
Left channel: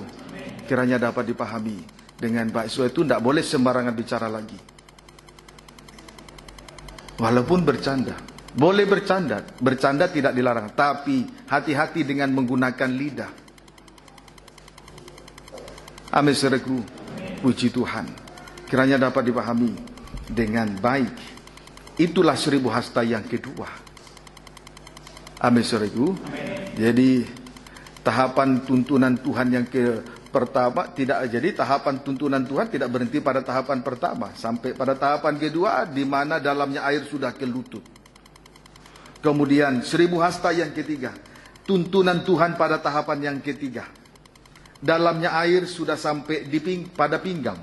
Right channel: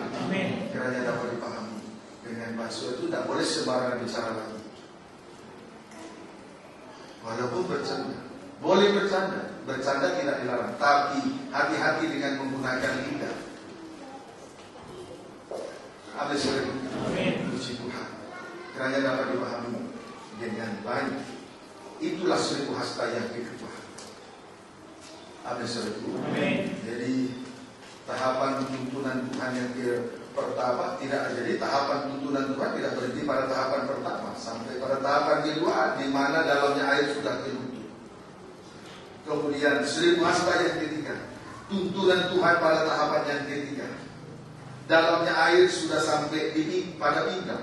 Kiranya dapat dipahami dengan baik. So itu tidak boleh sembarangan bicara lagi. Walaupun bercanda. Boleh bercanda, bercanda tidak dilarang, tapi hati-hati dengan menggunakan lidah. Amin saudaraku. Puji Tuhan. Kiranya dapat dipahami dengan baik. Itulah 1000 hasta yang kedua. Amin saudaraku. Jadi tahapan tuntunan Tuhan yang pertama tidak, jadi tahapan tuntunan Tuhan tidak berhenti pada tahapan pertama, sampai pada tahapan kedua di mana dalamnya air sudah ke lutut. Kemudian 1000 hasta yang ketiga, tuntunan Tuhan pada tahapan yang ketiga. Dalamnya air sudah sampai pada pinggang.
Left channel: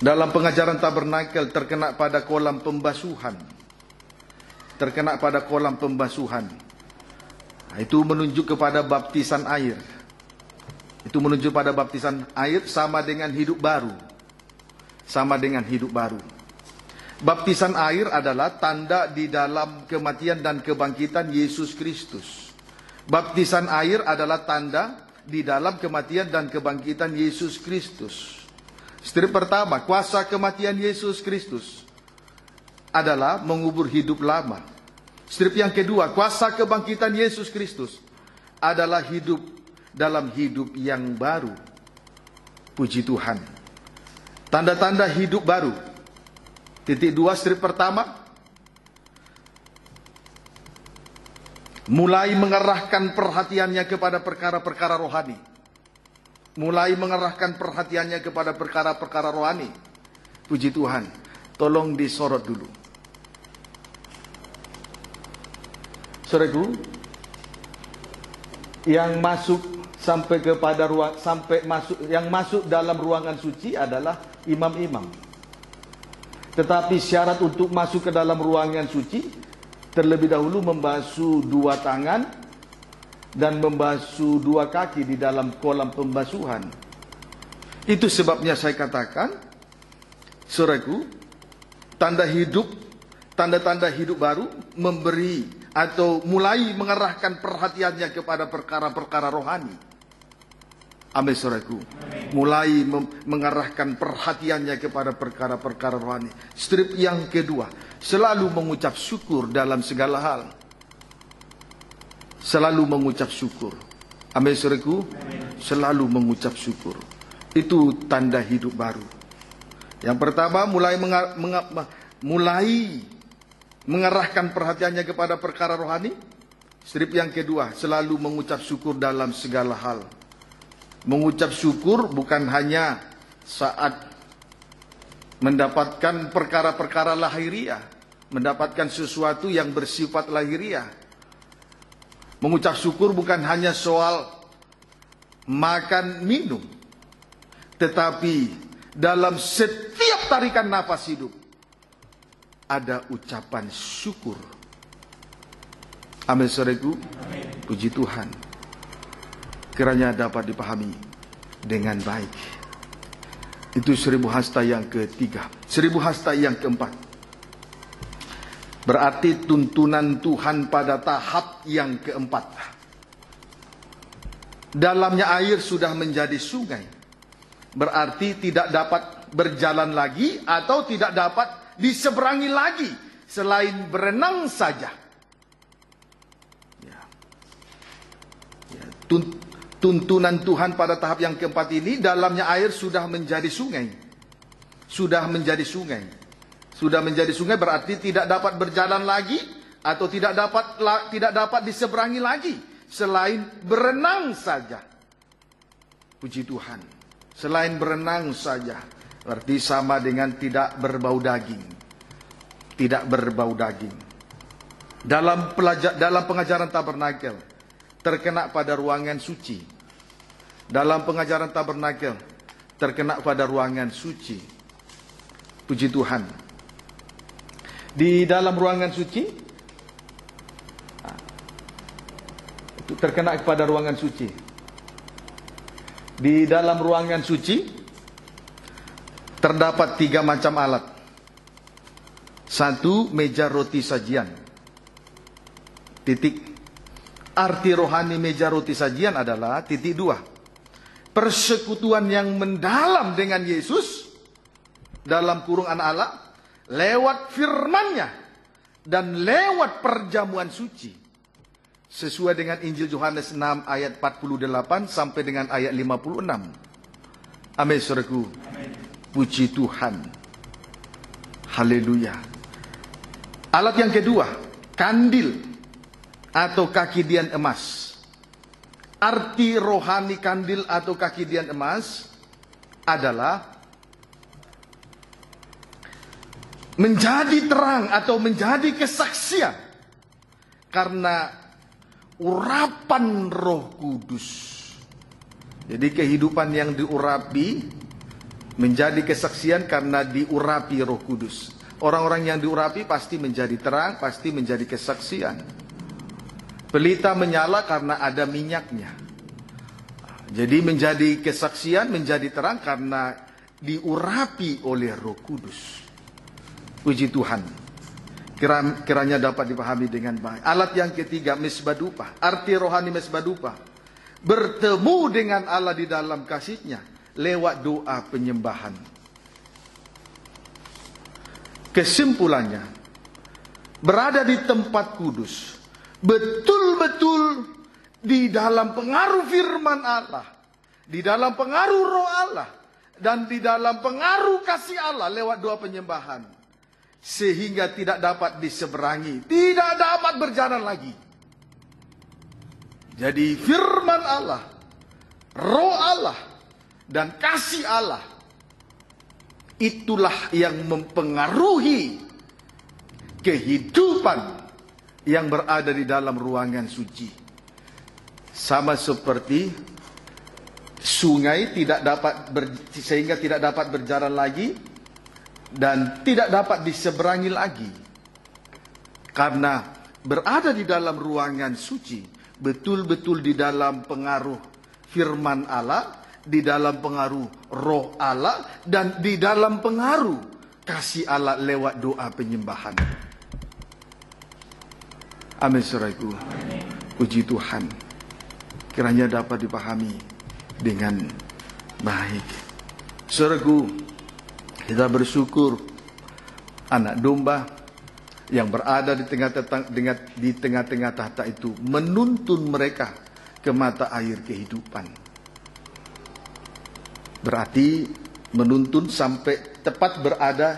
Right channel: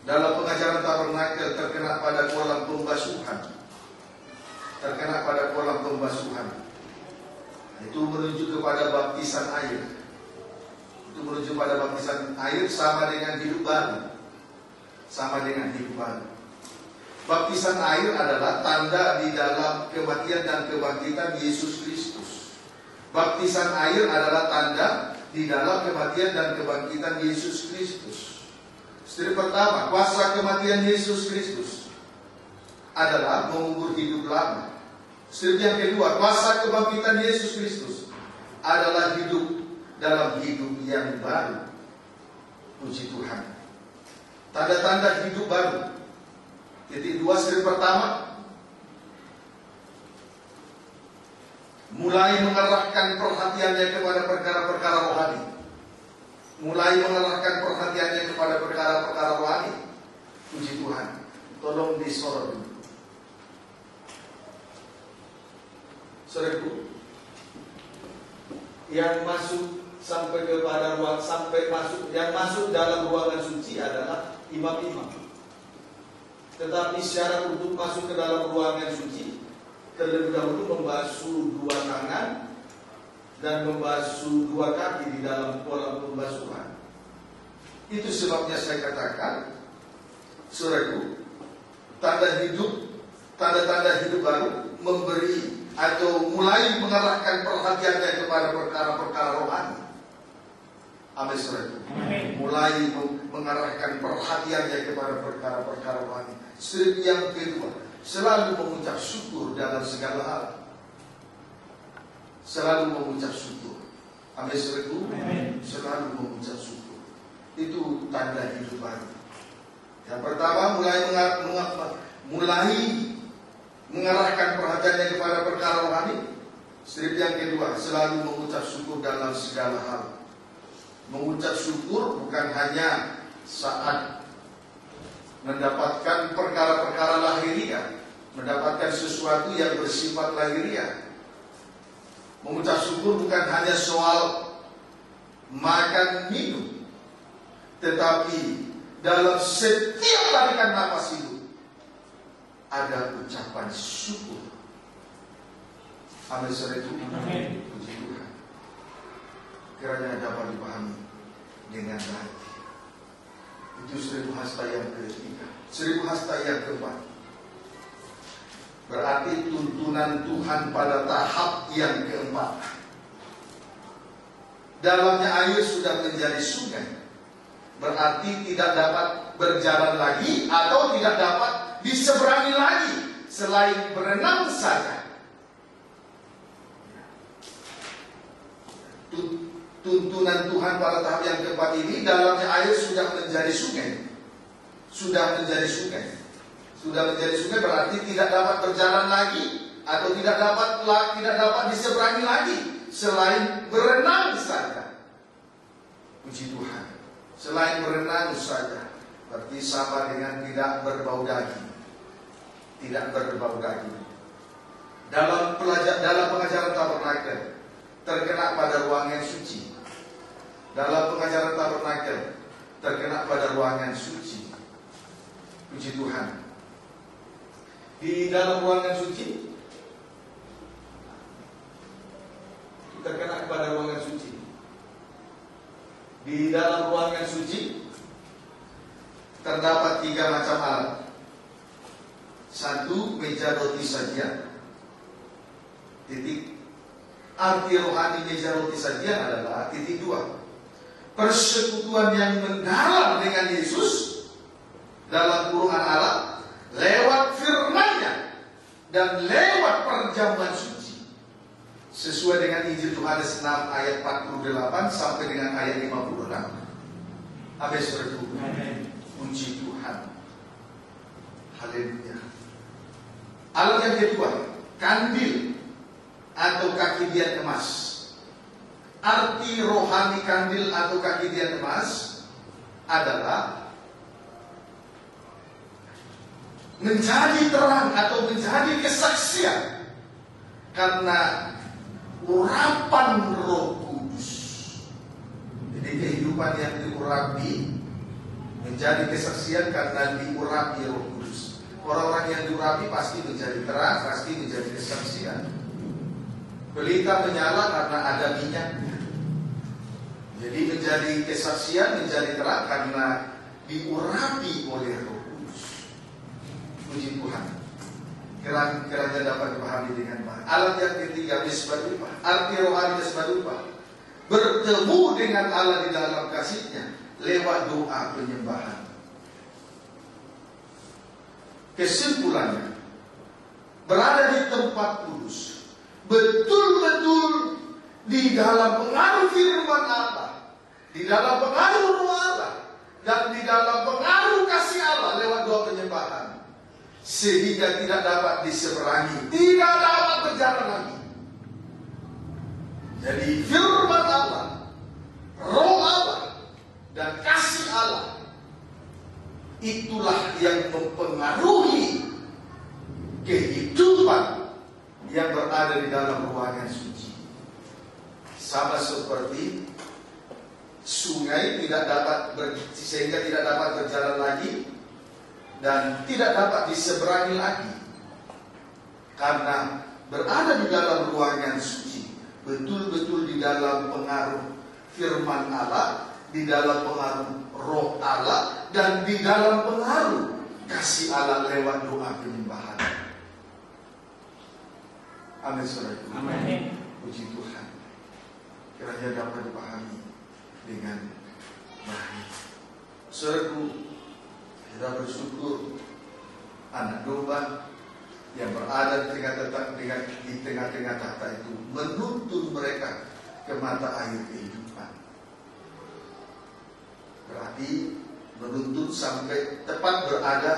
Dalam pengajaran tabernakel terkena pada kolam pembasuhan. Terkena pada kolam pembasuhan. Nah, itu menunjuk kepada baptisan air. Itu menunjuk pada baptisan air sama dengan hidup baru. Sama dengan hidup baru. Baptisan air adalah tanda di dalam kematian dan kebangkitan Yesus Kristus. Baptisan air adalah tanda di dalam kematian dan kebangkitan Yesus Kristus. Strip pertama, kuasa kematian Yesus Kristus adalah mengubur hidup lama. Strip yang kedua, kuasa kebangkitan Yesus Kristus adalah hidup dalam hidup yang baru. Puji Tuhan. Tanda-tanda hidup baru. Titik 2, strip pertama, mulai mengarahkan perhatiannya kepada perkara-perkara rohani. Mulai mengarahkan perhatiannya kepada perkara-perkara rohani. Puji Tuhan. Tolong disorot dulu. Saudaraku, yang masuk sampai kepada ruang, yang masuk dalam ruangan suci adalah imam-imam. Tetapi syarat untuk masuk ke dalam ruangan suci, terlebih dahulu membasuh 2 tangan dan membasuh 2 kaki di dalam kolam pembasuhan. Itu sebabnya saya katakan, saudaraku, tanda-tanda hidup baru memberi atau mulai mengarahkan perhatiannya kepada perkara-perkara rohani. Amin saudaraku. Mulai mengarahkan perhatiannya kepada perkara-perkara rohani. Strip yang kedua, selalu mengucap syukur dalam segala hal. Selalu mengucap syukur. Amin, saudaraku. Selalu mengucap syukur. Itu tanda hidup baru. Yang pertama, mulai mengarahkan perhatiannya kepada perkara rohani. Strip yang kedua, selalu mengucap syukur dalam segala hal. Mengucap syukur bukan hanya saat mendapatkan perkara-perkara lahiriah, mendapatkan sesuatu yang bersifat lahiriah. Mengucap syukur bukan hanya soal makan minum, tetapi dalam setiap tarikan nafas hidup ada ucapan syukur. Amin, saudaraku. Puji Tuhan. Kiranya dapat dipahami dengan baik. Itu 1000 hasta yang ketiga. 1000 hasta yang keempat, berarti tuntunan Tuhan pada tahap yang keempat. Dalamnya air sudah menjadi sungai, berarti tidak dapat berjalan lagi atau tidak dapat diseberangi lagi selain berenang saja. Tuntunan Tuhan pada tahap yang keempat ini, dalamnya air sudah menjadi sungai. Sudah menjadi sungai. Sudah menjadi sungai berarti tidak dapat berjalan lagi atau tidak dapat diseberangi lagi selain berenang saja. Puji Tuhan. Selain berenang saja, berarti sama dengan tidak berbau daging. Tidak berbau daging. Dalam pengajaran tabernakel terkena pada ruangan suci. Dalam pengajaran tabernakel terkena pada ruangan suci. Puji Tuhan. Di dalam ruangan suci itu terkena kepada ruangan suci. Di dalam ruangan suci terdapat 3 macam alat. 1, meja roti sajian. Titik. Arti rohani meja roti sajian adalah titik 2. Persekutuan yang mendalam dengan Yesus dalam kurungan Allah lewat firman-Nya dan lewat perjamuan suci, sesuai dengan Injil Yohanes 6 ayat 48 sampai dengan ayat 56. Amin, saudaraku. Puji Tuhan. Haleluya. Alat yang kedua, kandil atau kaki dian emas. Arti rohani kandil atau kaki dian emas adalah menjadi terang atau menjadi kesaksian karena urapan Roh Kudus. Jadi kehidupan yang diurapi menjadi kesaksian karena diurapi Roh Kudus. Orang-orang yang diurapi pasti menjadi terang, pasti menjadi kesaksian. Pelita menyala karena ada minyaknya. Jadi menjadi kesaksian, menjadi terang karena diurapi oleh Roh Kudus. Puji Tuhan. Kiranya dapat dipahami dengan baik. Alat yang ketiga, mesbah dupa. Arti rohani mesbah dupa, bertemu dengan Allah di dalam kasih-Nya lewat doa penyembahan. Kesimpulannya, berada di tempat kudus, betul-betul di dalam pengaruh firman Allah, di dalam pengaruh Roh Allah, dan di dalam pengaruh kasih Allah lewat doa penyembahan, sehingga tidak dapat diseberangi, tidak dapat berjalan lagi. Jadi firman Allah, Roh Allah, dan kasih Allah, itulah yang mempengaruhi kehidupan yang berada di dalam ruangan suci. Sama seperti sungai sehingga tidak dapat berjalan lagi dan tidak dapat diseberangi lagi karena berada di dalam ruangan suci, betul-betul di dalam pengaruh firman Allah, di dalam pengaruh Roh Allah, dan di dalam pengaruh kasih Allah lewat doa penyembahan. Amin, saudaraku. Puji Tuhan. Kiranya dapat dipahami dengan baik. Saudaraku, kita bersyukur anak domba yang berada di tengah-tengah tahta itu menuntun mereka ke mata air kehidupan. Berarti menuntun sampai tepat berada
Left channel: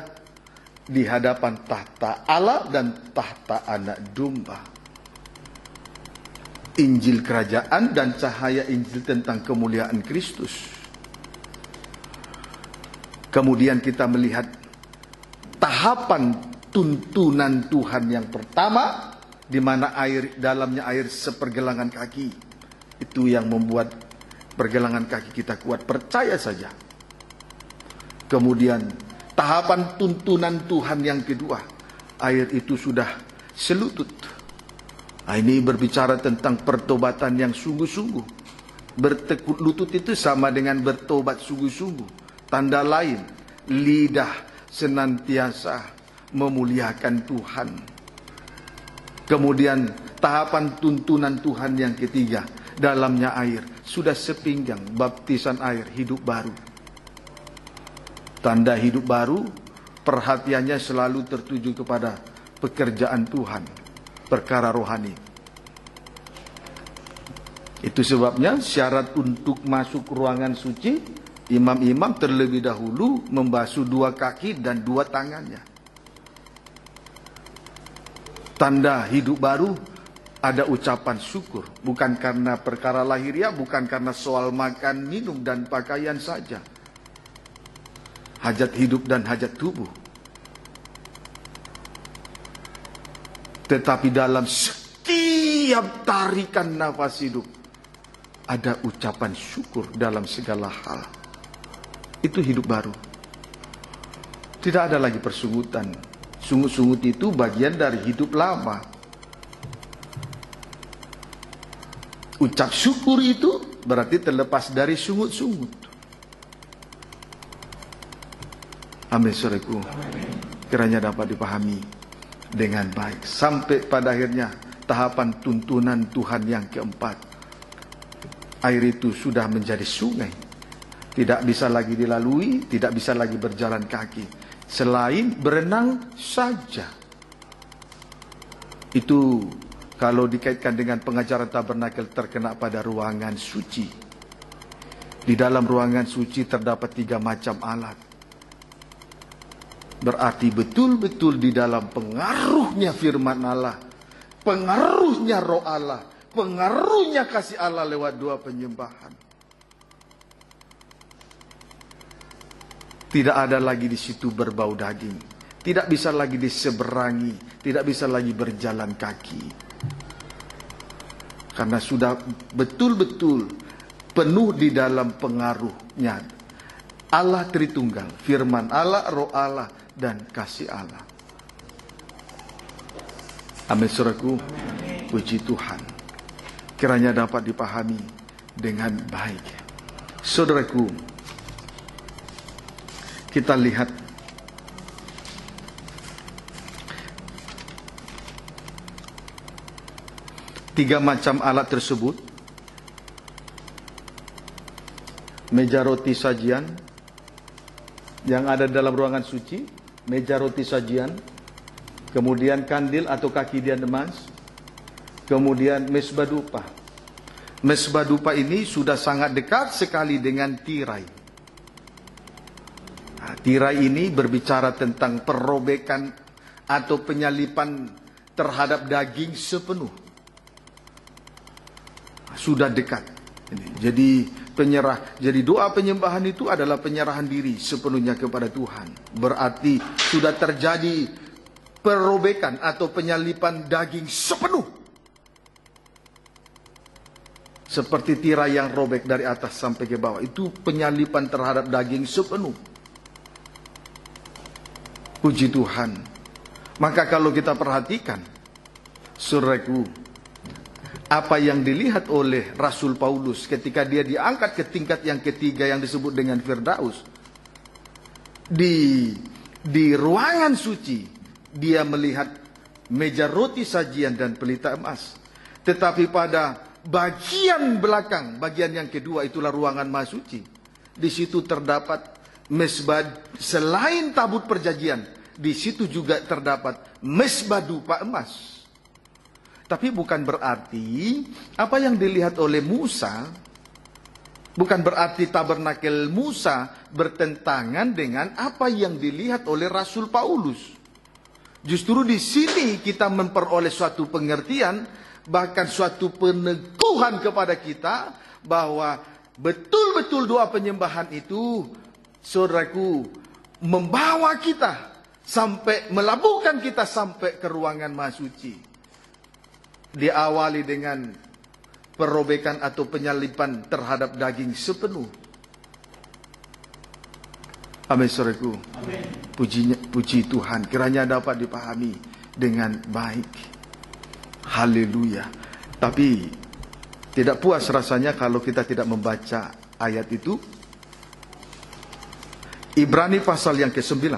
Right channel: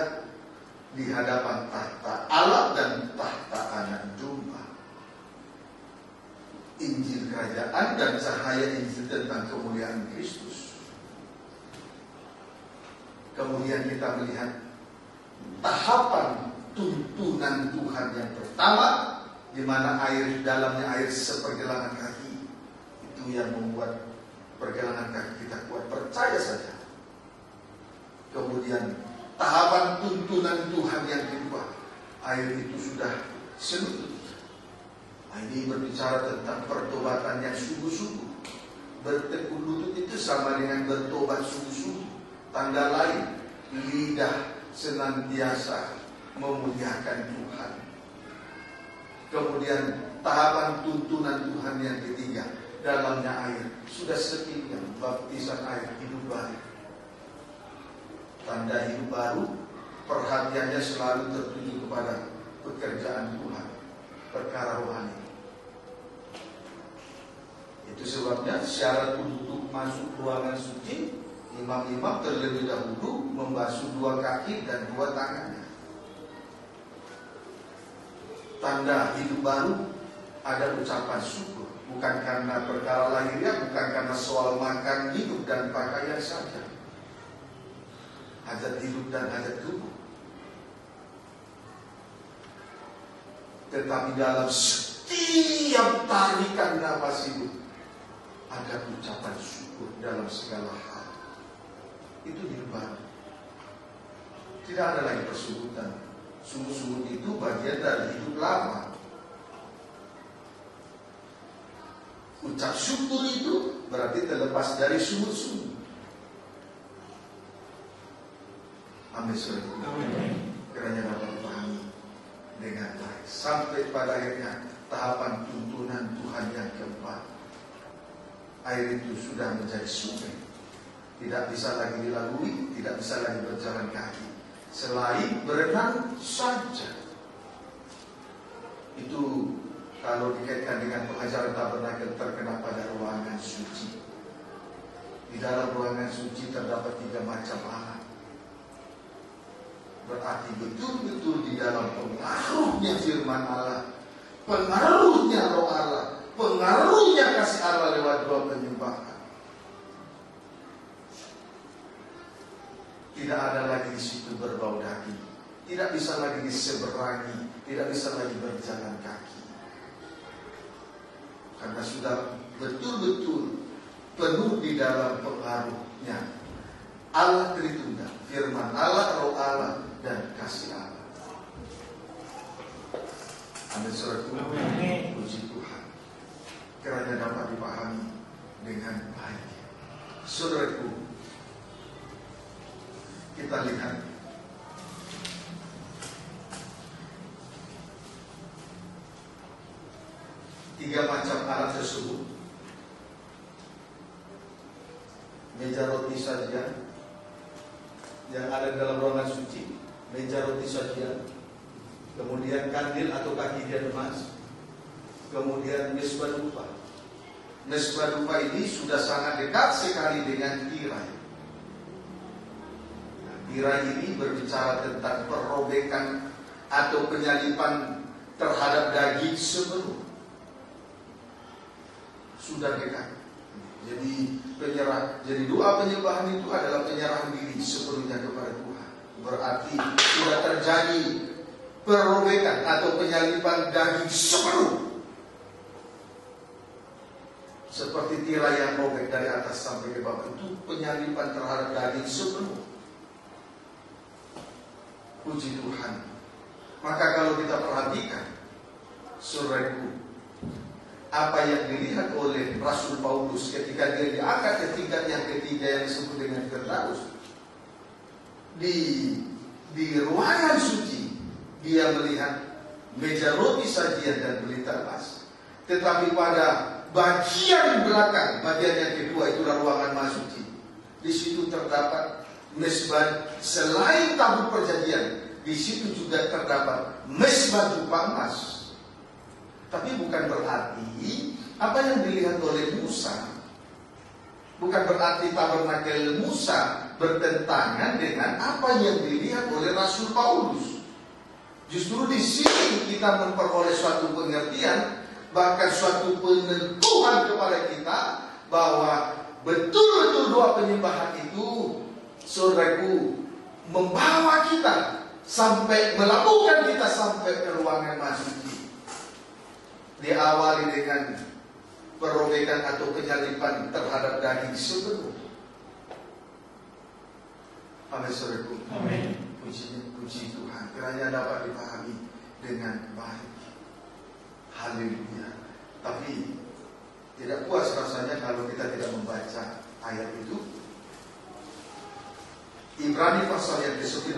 di hadapan tahta Allah dan tahta Anak Domba. Injil kerajaan dan cahaya Injil tentang kemuliaan Kristus. Kemudian kita melihat tahapan tuntunan Tuhan yang pertama, di mana dalamnya air sepergelangan kaki. Itu yang membuat pergelangan kaki kita kuat, percaya saja. Kemudian tahapan tuntunan Tuhan yang kedua, air itu sudah selutut. Nah, ini berbicara tentang pertobatan yang sungguh-sungguh. Bertekuk lutut itu sama dengan bertobat sungguh-sungguh. Tanda lain, lidah senantiasa memuliakan Tuhan. Kemudian tahapan tuntunan Tuhan yang ketiga, dalamnya air sudah sepinggang, baptisan air hidup baru. Tanda hidup baru, perhatiannya selalu tertuju kepada pekerjaan Tuhan, perkara rohani. Itu sebabnya syarat untuk masuk ruangan suci, imam-imam terlebih dahulu membasuh 2 kaki dan 2 tangannya. Tanda hidup baru, ada ucapan syukur. Bukan karena perkara lahiriah, bukan karena soal makan, minum, dan pakaian saja. Hajat hidup dan hajat tubuh. Tetapi dalam setiap tarikan nafas hidup, ada ucapan syukur dalam segala hal. Itu hidup baru. Tidak ada lagi persungutan. Sungut-sungut itu bagian dari hidup lama. Ucap syukur itu berarti terlepas dari sungut-sungut. Amin, saudaraku. Kiranya dapat dipahami dengan baik. Sampai pada akhirnya tahapan tuntunan Tuhan yang keempat. Air itu sudah menjadi sungai. Tidak bisa lagi dilalui, tidak bisa lagi berjalan kaki. Selain berenang saja. Itu kalau dikaitkan dengan pengajaran tabernakel terkena pada ruangan suci. Di dalam ruangan suci terdapat 3 macam alat. Berarti betul-betul di dalam pengaruhnya firman Allah, pengaruhnya roh Allah, pengaruhnya kasih Allah lewat 2 penyembahan. Tidak ada lagi di situ berbau daging. Tidak bisa lagi diseberangi, tidak bisa lagi berjalan kaki. Karena sudah betul-betul penuh di dalam pengaruhnya Allah Tritunggal, firman Allah, roh Allah, dan kasih Allah. Amin, saudaraku. Puji Tuhan. Kiranya dapat dipahami dengan baik. Saudaraku, kita lihat tiga macam alat tersebut. Meja roti sajian yang ada dalam ruangan suci, meja roti sajian, kemudian kandil atau kaki dian emas, kemudian mesbah dupa. Mesbah dupa ini sudah sangat dekat sekali dengan tirai. Nah, tirai ini berbicara tentang perobekan atau penyalipan terhadap daging sepenuh. Sudah dekat. Jadi doa penyembahan itu adalah penyerahan diri sepenuhnya kepada Tuhan. Berarti sudah terjadi perobekan atau penyalipan daging sepenuh. Seperti tirai yang robek dari atas sampai ke bawah. Itu penyalipan terhadap daging sepenuh. Puji Tuhan. Maka kalau kita perhatikan, saudaraku, apa yang dilihat oleh Rasul Paulus ketika dia diangkat ke tingkat yang ketiga yang disebut dengan Firdaus. Di ruangan suci, dia melihat meja roti sajian dan pelita emas. Tetapi pada bagian belakang, bagian yang kedua, itulah ruangan maha suci. Di situ terdapat mesbah selain tabut perjanjian. di situ juga terdapat mezbah dupa emas. Tapi bukan berarti apa yang dilihat oleh Musa, bukan berarti tabernakel Musa bertentangan dengan apa yang dilihat oleh Rasul Paulus. Justru di sini kita memperoleh suatu pengertian, bahkan suatu peneguhan kepada kita bahwa betul-betul doa penyembahan itu, saudaraku, membawa kita sampai, melabuhkan kita sampai ke ruangan Maha Suci. Diawali dengan perobekan atau penyalipan terhadap daging sepenuh. Amin, saudaraku. Puji Tuhan, kiranya dapat dipahami dengan baik. Haleluya. Tapi tidak puas rasanya kalau kita tidak membaca ayat itu. Ibrani pasal yang ke-9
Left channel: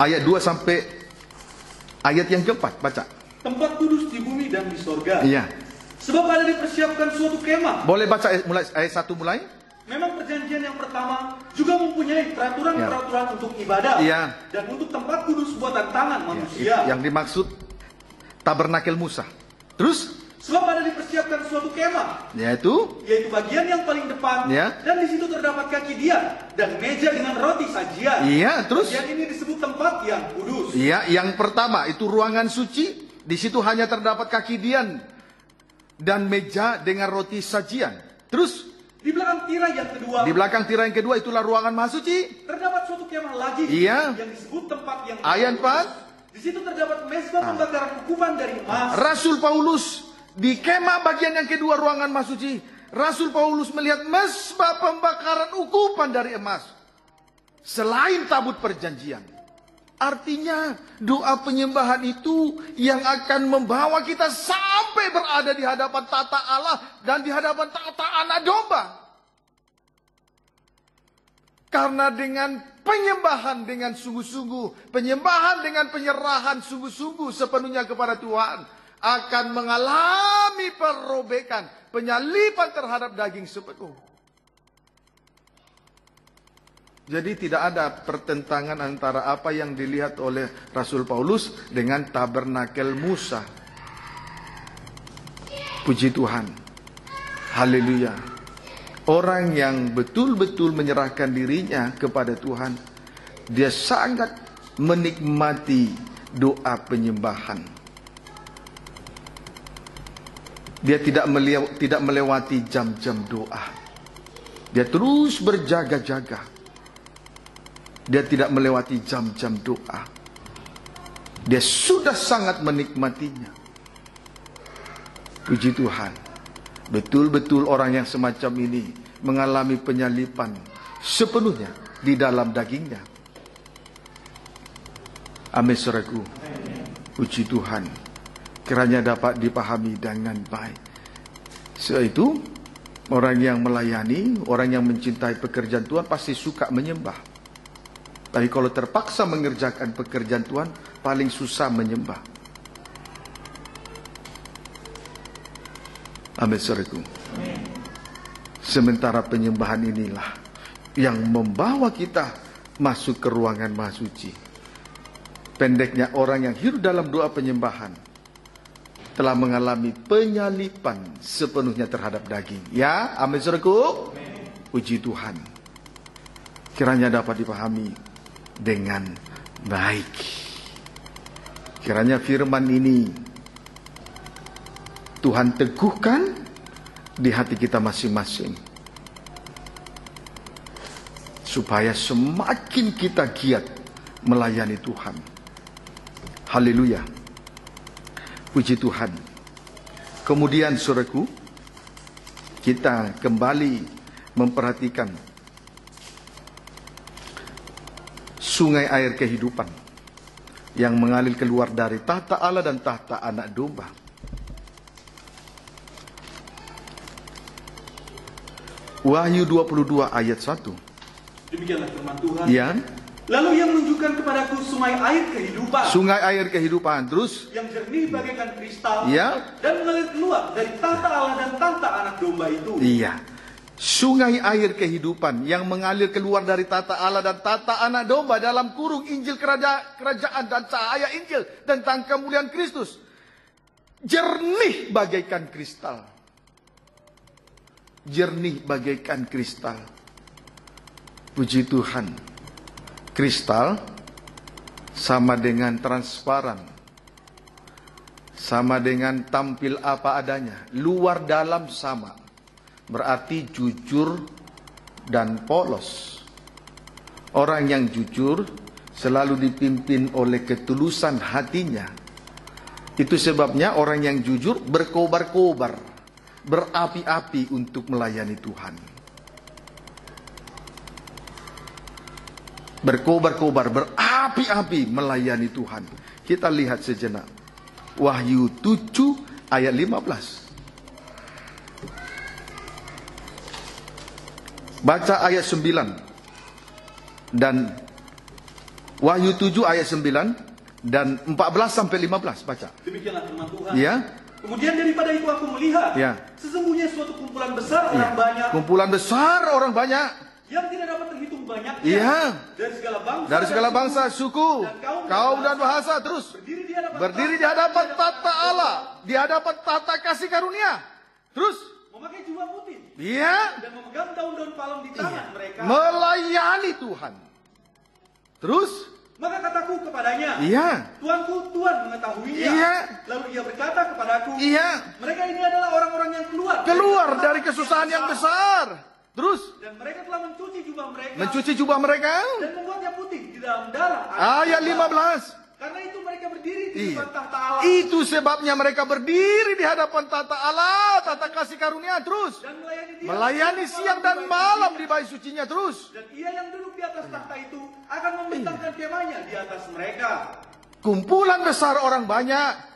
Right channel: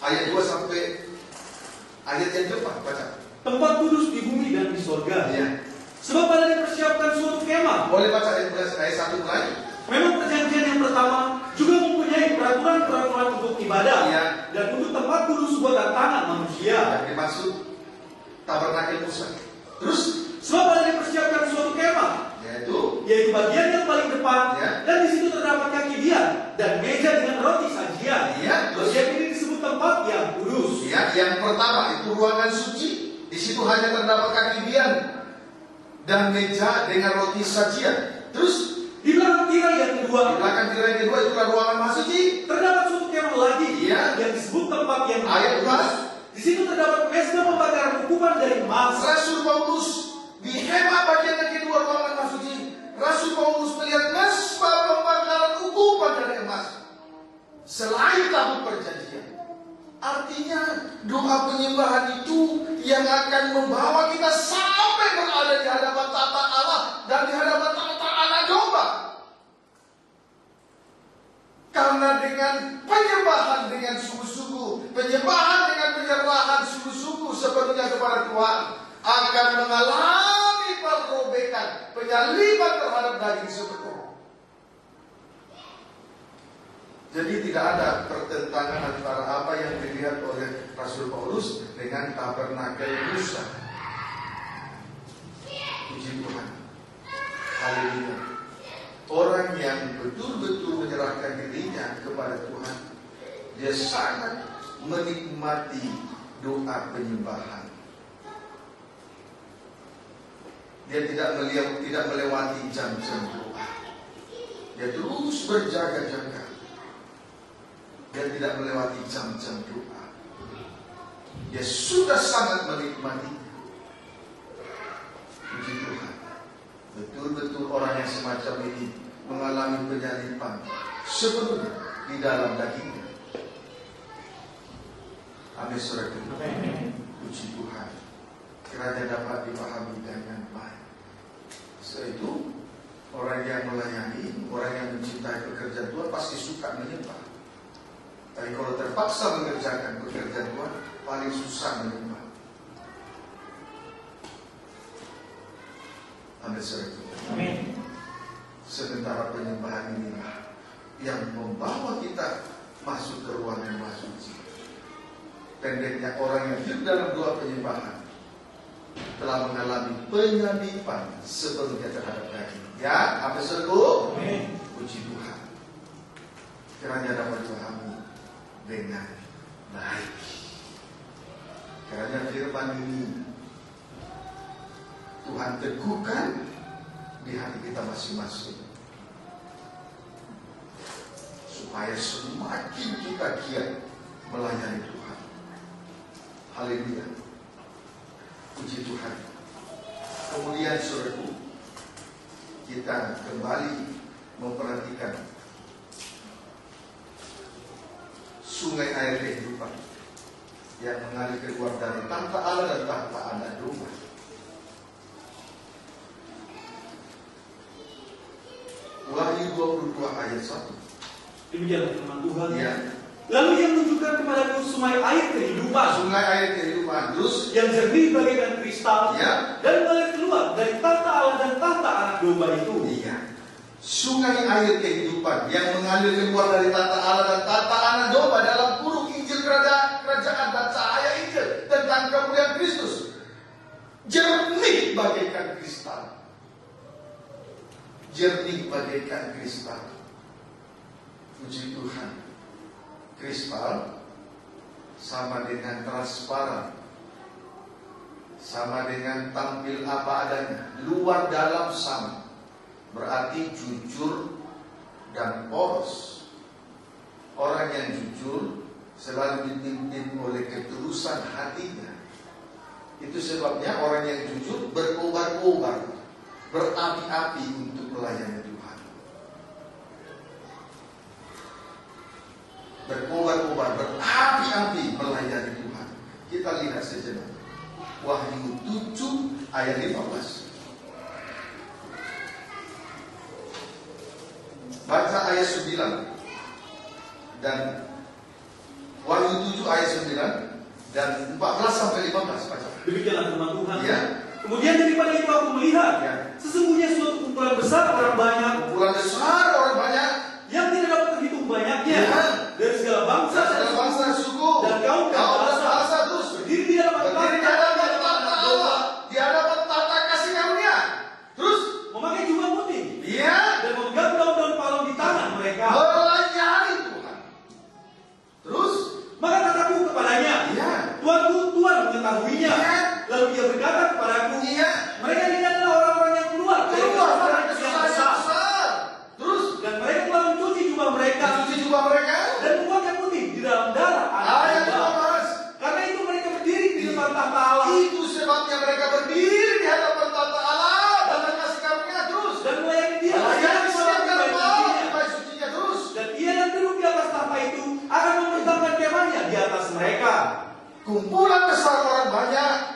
ayat 2 sampai ayat yang ke-4, baca. Tempat kudus di bumi dan di surga. Iya. Sebab ada dipersiapkan suatu kemah. Boleh baca ayat 1 mulai? Memang perjanjian yang pertama juga mempunyai peraturan-peraturan untuk ibadah dan untuk tempat kudus buatan tangan manusia. Yang dimaksud tabernakel Musa. Terus? Sebab ada dipersiapkan suatu kemah, yaitu bagian yang paling depan, dan di situ terdapat kaki dia dan meja dengan roti sajian. Terus? Bagian ini disebut tempat yang kudus. Yang pertama itu ruangan suci. Di situ hanya terdapat kaki dian dan meja dengan roti sajian. Terus? Di belakang tirai yang kedua. Di belakang tirai yang kedua itulah ruangan Maha Suci. Terdapat suatu kemah lagi. Yang disebut tempat yang kudus. Di situ terdapat mezbah pembakaran ukupan dari emas. Rasul Paulus di kemah bagian yang kedua ruangan Maha Suci, Rasul Paulus melihat mezbah pembakaran ukupan dari emas selain tabut perjanjian. Artinya doa penyembahan itu yang akan membawa kita sampai berada di hadapan tata Allah dan di hadapan tata anak domba. Karena dengan penyembahan dengan sungguh-sungguh, penyembahan dengan penyerahan sungguh-sungguh sepenuhnya kepada Tuhan, akan mengalami perobekan, penyalipan terhadap daging sepenuh. Jadi tidak ada pertentangan antara apa yang dilihat oleh Rasul Paulus dengan tabernakel Musa. Puji Tuhan. Haleluya. Orang yang betul-betul menyerahkan dirinya kepada Tuhan, dia sangat menikmati doa penyembahan. Dia tidak melewati jam-jam doa. Dia terus berjaga-jaga. Dia tidak melewati jam-jam doa. Dia sudah sangat menikmatinya. Puji Tuhan. Betul-betul orang yang semacam ini mengalami penyalipan sepenuhnya di dalam dagingnya. Amin, saudaraku. Puji Tuhan. Kiranya dapat dipahami dengan baik. Sebab itu orang yang melayani, orang yang mencintai pekerjaan Tuhan pasti suka menyembah. Tapi kalau terpaksa mengerjakan pekerjaan Tuhan, paling susah menyembah. Amin, saudaraku. Sementara penyembahan inilah yang membawa kita masuk ke ruangan Maha Suci. Pendeknya, orang yang hidup dalam doa penyembahan telah mengalami penyalipan sepenuhnya terhadap daging. Ya, amin, saudaraku. Puji Tuhan. Kiranya dapat dipahami dengan baik. Kiranya firman ini Tuhan teguhkan di hati kita masing-masing, supaya semakin kita giat melayani Tuhan. Haleluya. Puji Tuhan. Kemudian saudaraku, kita kembali memperhatikan sungai air kehidupan yang mengalir keluar dari tahta Allah dan tahta anak domba. Wahyu 22 ayat 1. Demikianlah firman Tuhan. Ya. Lalu yang menunjukkan kepadaku sungai air kehidupan. Sungai air kehidupan. Terus yang jernih bagaikan kristal. Ya. Dan mengalir keluar dari tahta Allah dan tahta anak domba itu. Iya. sungai air kehidupan yang mengalir keluar dari tata Allah dan tata anak domba dalam kurung Injil kerajaan dan cahaya Injil tentang kemuliaan Kristus. Jernih bagaikan kristal. Jernih bagaikan kristal. Puji Tuhan. Kristal sama dengan transparan. Sama dengan tampil apa adanya. Luar dalam sama. Berarti jujur dan polos. Orang yang jujur selalu dipimpin oleh ketulusan hatinya. Itu sebabnya orang yang jujur berkobar-kobar, berapi-api untuk melayani Tuhan. Berkobar-kobar, berapi-api melayani Tuhan. Kita lihat sejenak. Wahyu 7 ayat 15. Baca ayat 9. Dan Wahyu 7 ayat 9 dan 14 sampai 15 baca. Demikianlah firman Tuhan. Ya. Kemudian daripada itu aku melihat, ya, sesungguhnya suatu kumpulan besar orang banyak. Kumpulan besar orang banyak yang tidak dapat terhitung banyaknya. Ya. Dari segala bangsa, suku, kaum dan bahasa, terus berdiri di hadapan tahta Allah, di hadapan tahta kasih karunia. Terus memakai jubah putih. Iya. Dan memegang daun-daun palem di tangan mereka. Melayani Tuhan. Terus maka kataku kepadanya, iya, Tuanku, Tuhan mengetahuinya. Iya. Lalu dia berkata kepadaku, iya, mereka ini adalah orang-orang yang keluar dari kesusahan yang besar. Terus dan mereka telah mencuci jubah mereka, dan membuatnya putih di dalam darah. Ayat 15. Karena itu mereka berdiri di depan tahta Allah. Itu sebabnya mereka berdiri di hadapan tahta Allah, tahta kasih karunia. Terus dan melayani siang dan malam di bait sucinya. Terus dan ia yang duduk di atas tahta itu akan membentangkan kemahnya di atas mereka. Kumpulan besar orang banyak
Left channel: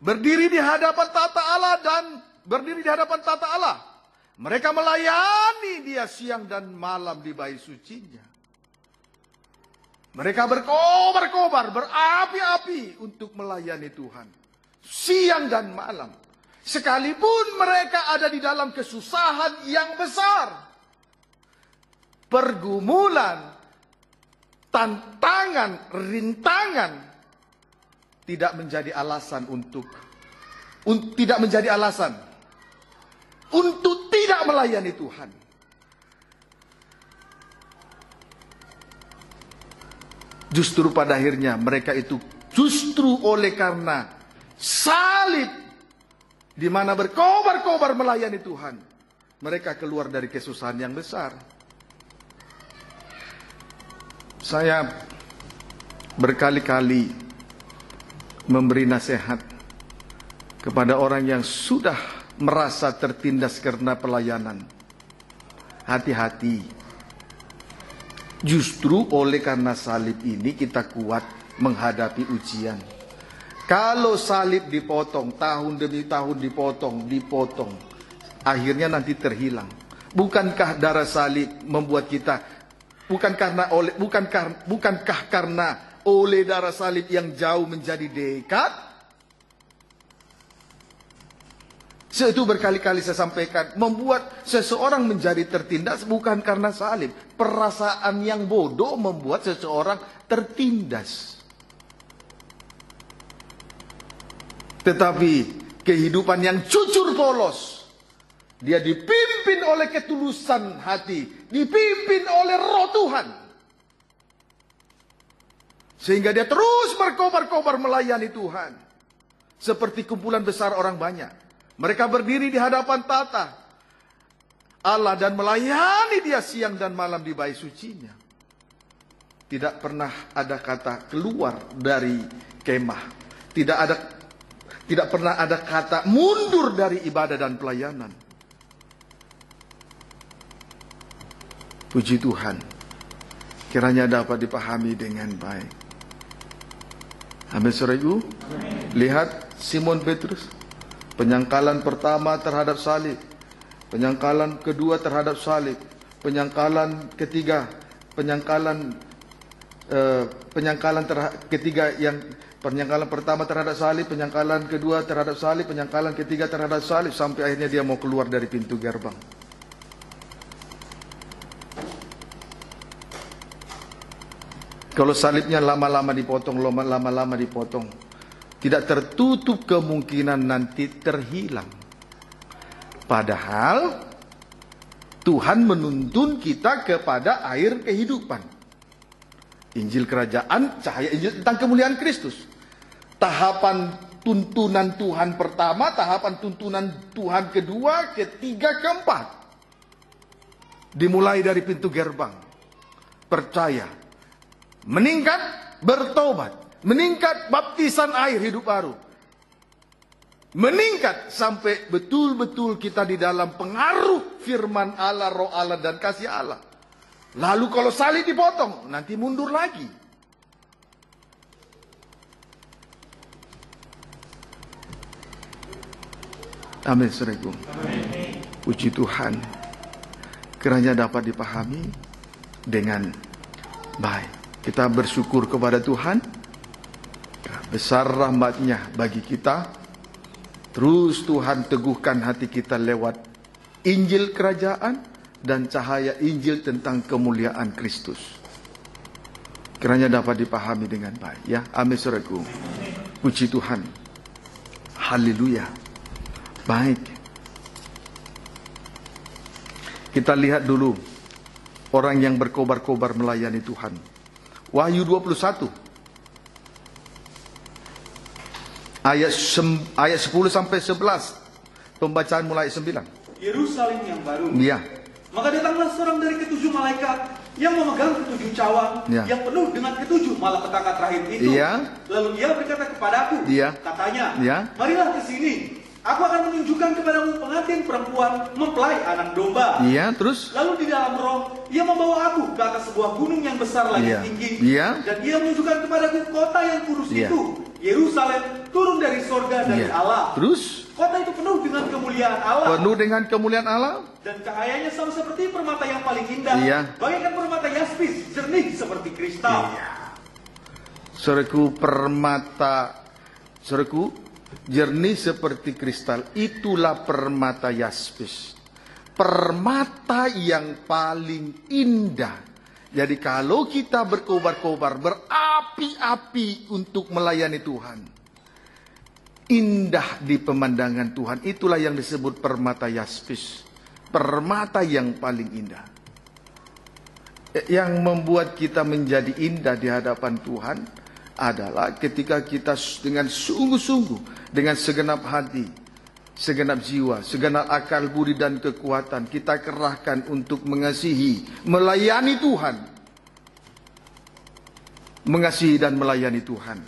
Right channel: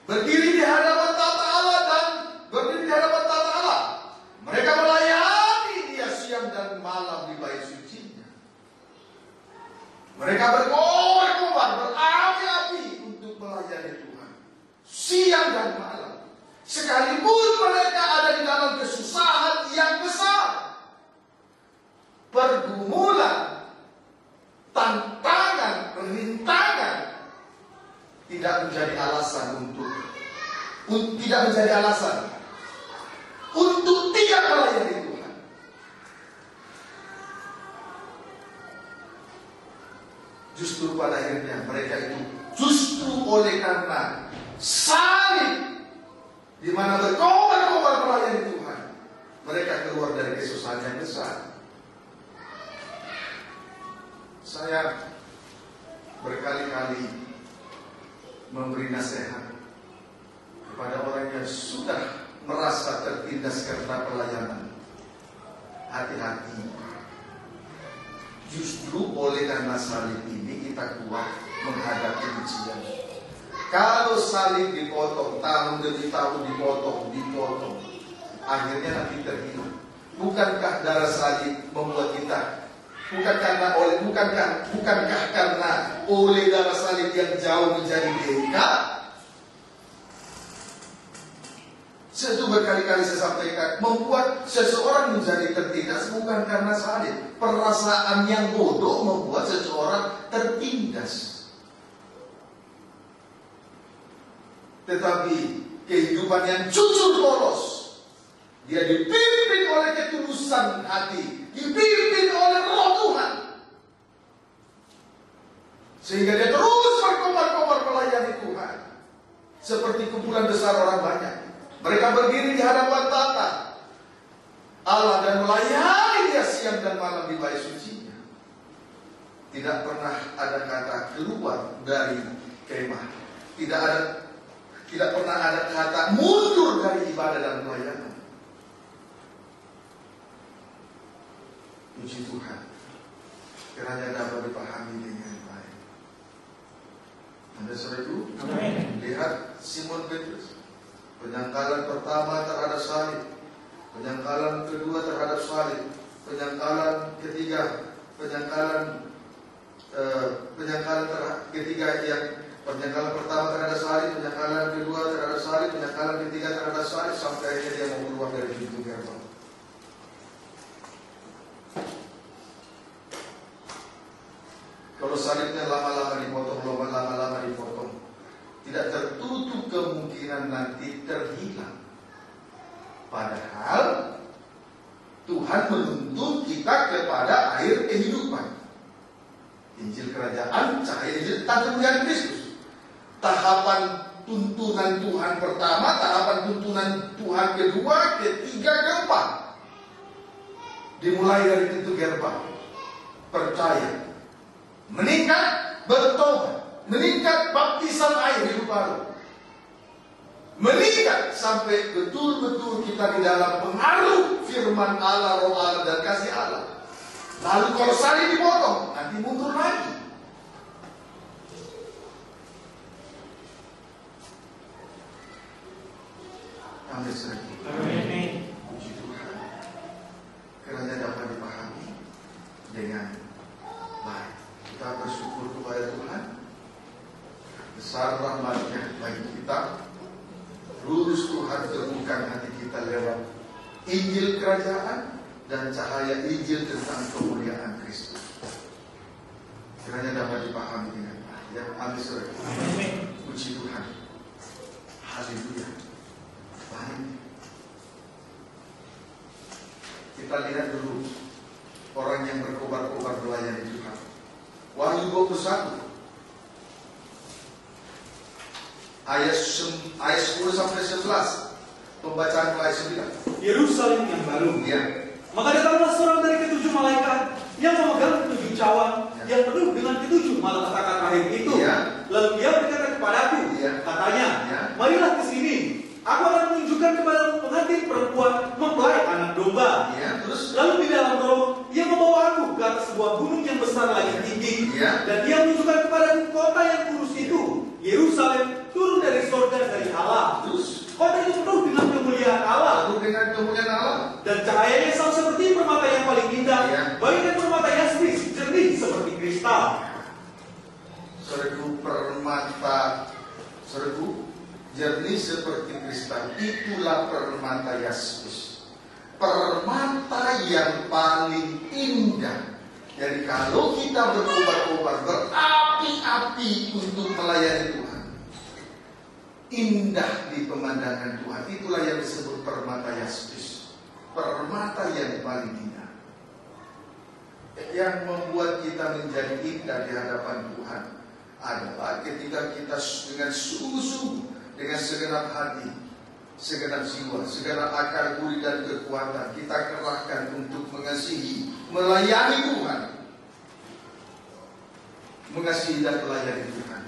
berdiri di hadapan tahta Allah dan berdiri di hadapan tahta Allah. Mereka melayani Dia siang dan malam di bait sucinya. Mereka berkobar-kobar, berapi-api untuk melayani Tuhan siang dan malam. Sekalipun mereka ada di dalam kesusahan yang besar, pergumulan, tantangan, rintangan tidak menjadi alasan untuk tidak melayani Tuhan. Justru pada akhirnya mereka itu justru oleh karena salib di mana berkobar-kobar melayani Tuhan, mereka keluar dari kesusahan yang besar. Saya berkali-kali memberi nasihat kepada orang yang sudah merasa tertindas karena pelayanan. Hati-hati. Justru oleh karena salib ini kita kuat menghadapi ujian. Kalau salib dipotong, tahun demi tahun dipotong, akhirnya nanti terhilang. Bukankah darah salib membuat kita, bukankah karena oleh darah salib yang jauh menjadi dekat? Itu berkali-kali saya sampaikan, membuat seseorang menjadi tertindas bukan karena salib. Perasaan yang bodoh membuat seseorang tertindas. Tetapi kehidupan yang jujur polos, dia dipimpin oleh ketulusan hati, dipimpin oleh Roh Tuhan, sehingga dia terus berkobar-kobar melayani Tuhan. Seperti kumpulan besar orang banyak, mereka berdiri di hadapan tahta Allah dan melayani Dia siang dan malam di bait sucinya. Tidak pernah ada kata keluar dari kemah. Tidak pernah ada kata mundur dari ibadah dan pelayanan. Puji Tuhan. Kiranya dapat dipahami dengan baik. Amin, saudaraku. Lihat Simon Petrus. Penyangkalan pertama terhadap salib, penyangkalan kedua terhadap salib, penyangkalan ketiga, penyangkalan pertama terhadap salib, penyangkalan kedua terhadap salib, penyangkalan ketiga terhadap salib, sampai akhirnya dia mau keluar dari pintu gerbang. Kalau salibnya lama-lama dipotong, tidak tertutup kemungkinan nanti terhilang. Padahal Tuhan menuntun kita kepada air kehidupan. Injil kerajaan, cahaya Injil tentang kemuliaan Kristus. Tahapan tuntunan Tuhan pertama, tahapan tuntunan Tuhan kedua, ketiga, keempat. Dimulai dari pintu gerbang. Percaya. Meningkat, bertobat. Meningkat, baptisan air hidup baru. Meningkat sampai betul-betul kita di dalam pengaruh firman Allah, roh Allah, dan kasih Allah. Lalu kalau salib dipotong, nanti mundur lagi. Amin, saudaraku. Puji Tuhan, kiranya dapat dipahami dengan baik. Kita bersyukur kepada Tuhan, besar rahmat-Nya bagi kita. Terus Tuhan teguhkan hati kita lewat Injil kerajaan dan cahaya Injil tentang kemuliaan Kristus. Kiranya dapat dipahami dengan baik, ya. Amin, saudaraku. Puji Tuhan. Haleluya. Baik. Kita lihat dulu orang yang berkobar-kobar melayani Tuhan. Wahyu 21 ayat 10 sampai 11. Pembacaan mulai 9. Yerusalem yang baru. Iya. Maka datanglah seorang dari ketujuh malaikat yang memegang ketujuh cawan, ya, yang penuh dengan ketujuh malapetaka terakhir itu. Iya. Lalu dia berkata kepadaku, iya, katanya, iya, marilah ke sini. Aku akan menunjukkan kepadamu pengantin perempuan mempelai anak domba. Iya, terus? Lalu di dalam roh, ia membawa aku ke atas sebuah gunung yang besar lagi, iya, tinggi. Iya. Dan dia menunjukkan kepadaku kota yang kudus, iya, itu, Yerusalem, turun dari sorga dari iya, Allah. Terus? Kota itu penuh dengan kemuliaan Allah. Penuh dengan kemuliaan Allah. Dan cahayanya sama seperti permata yang paling indah. Iya. Bagaikan permata yaspis, jernih seperti kristal. Iya. Saudaraku, permata, saudaraku, jernih seperti kristal. Itulah permata yaspis. Permata yang paling indah. Jadi kalau kita berkobar-kobar, berapi-api untuk melayani Tuhan, indah di pemandangan Tuhan, itulah yang disebut permata yaspis. Permata yang paling indah. Yang membuat kita menjadi indah di hadapan Tuhan adalah ketika kita dengan sungguh-sungguh, dengan segenap hati, segenap jiwa, segenap akal, budi dan kekuatan kita kerahkan untuk mengasihi, melayani Tuhan. Mengasihi dan melayani Tuhan.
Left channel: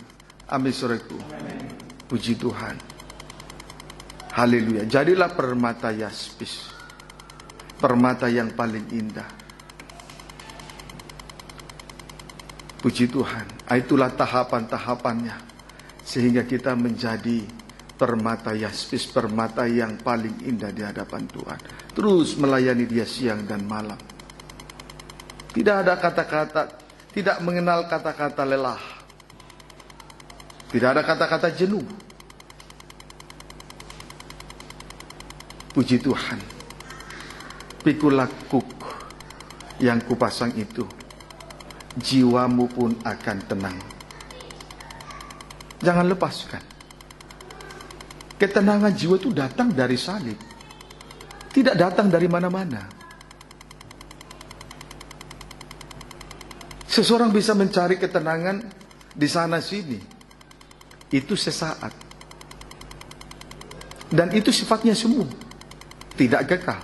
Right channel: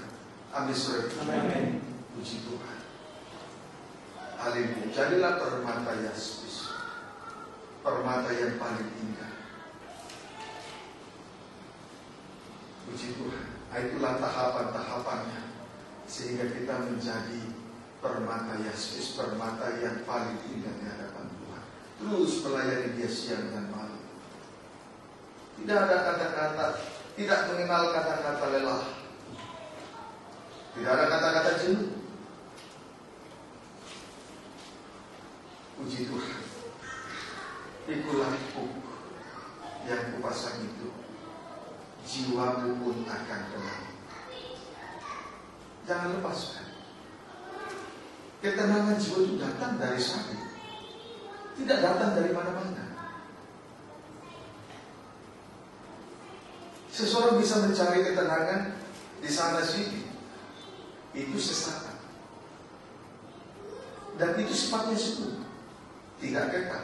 Amin, saudaraku. Puji Tuhan. Haleluya. Jadilah permata yaspis. Permata yang paling indah. Puji Tuhan. Itulah tahapan-tahapannya. Sehingga kita menjadi permata yaspis. Permata yang paling indah di hadapan Tuhan. Terus melayani Dia siang dan malam. Tidak ada kata-kata, tidak mengenal kata-kata lelah. Tidak ada kata-kata jenuh. Puji Tuhan. Pikulah kuk yang kupasang itu, jiwamu pun akan tenang. Jangan lepaskan. Ketenangan jiwa itu datang dari salib. Tidak datang dari mana-mana. Seseorang bisa mencari ketenangan di sana sini. Itu sesaat. Dan itu sifatnya semu. Tidak kekal.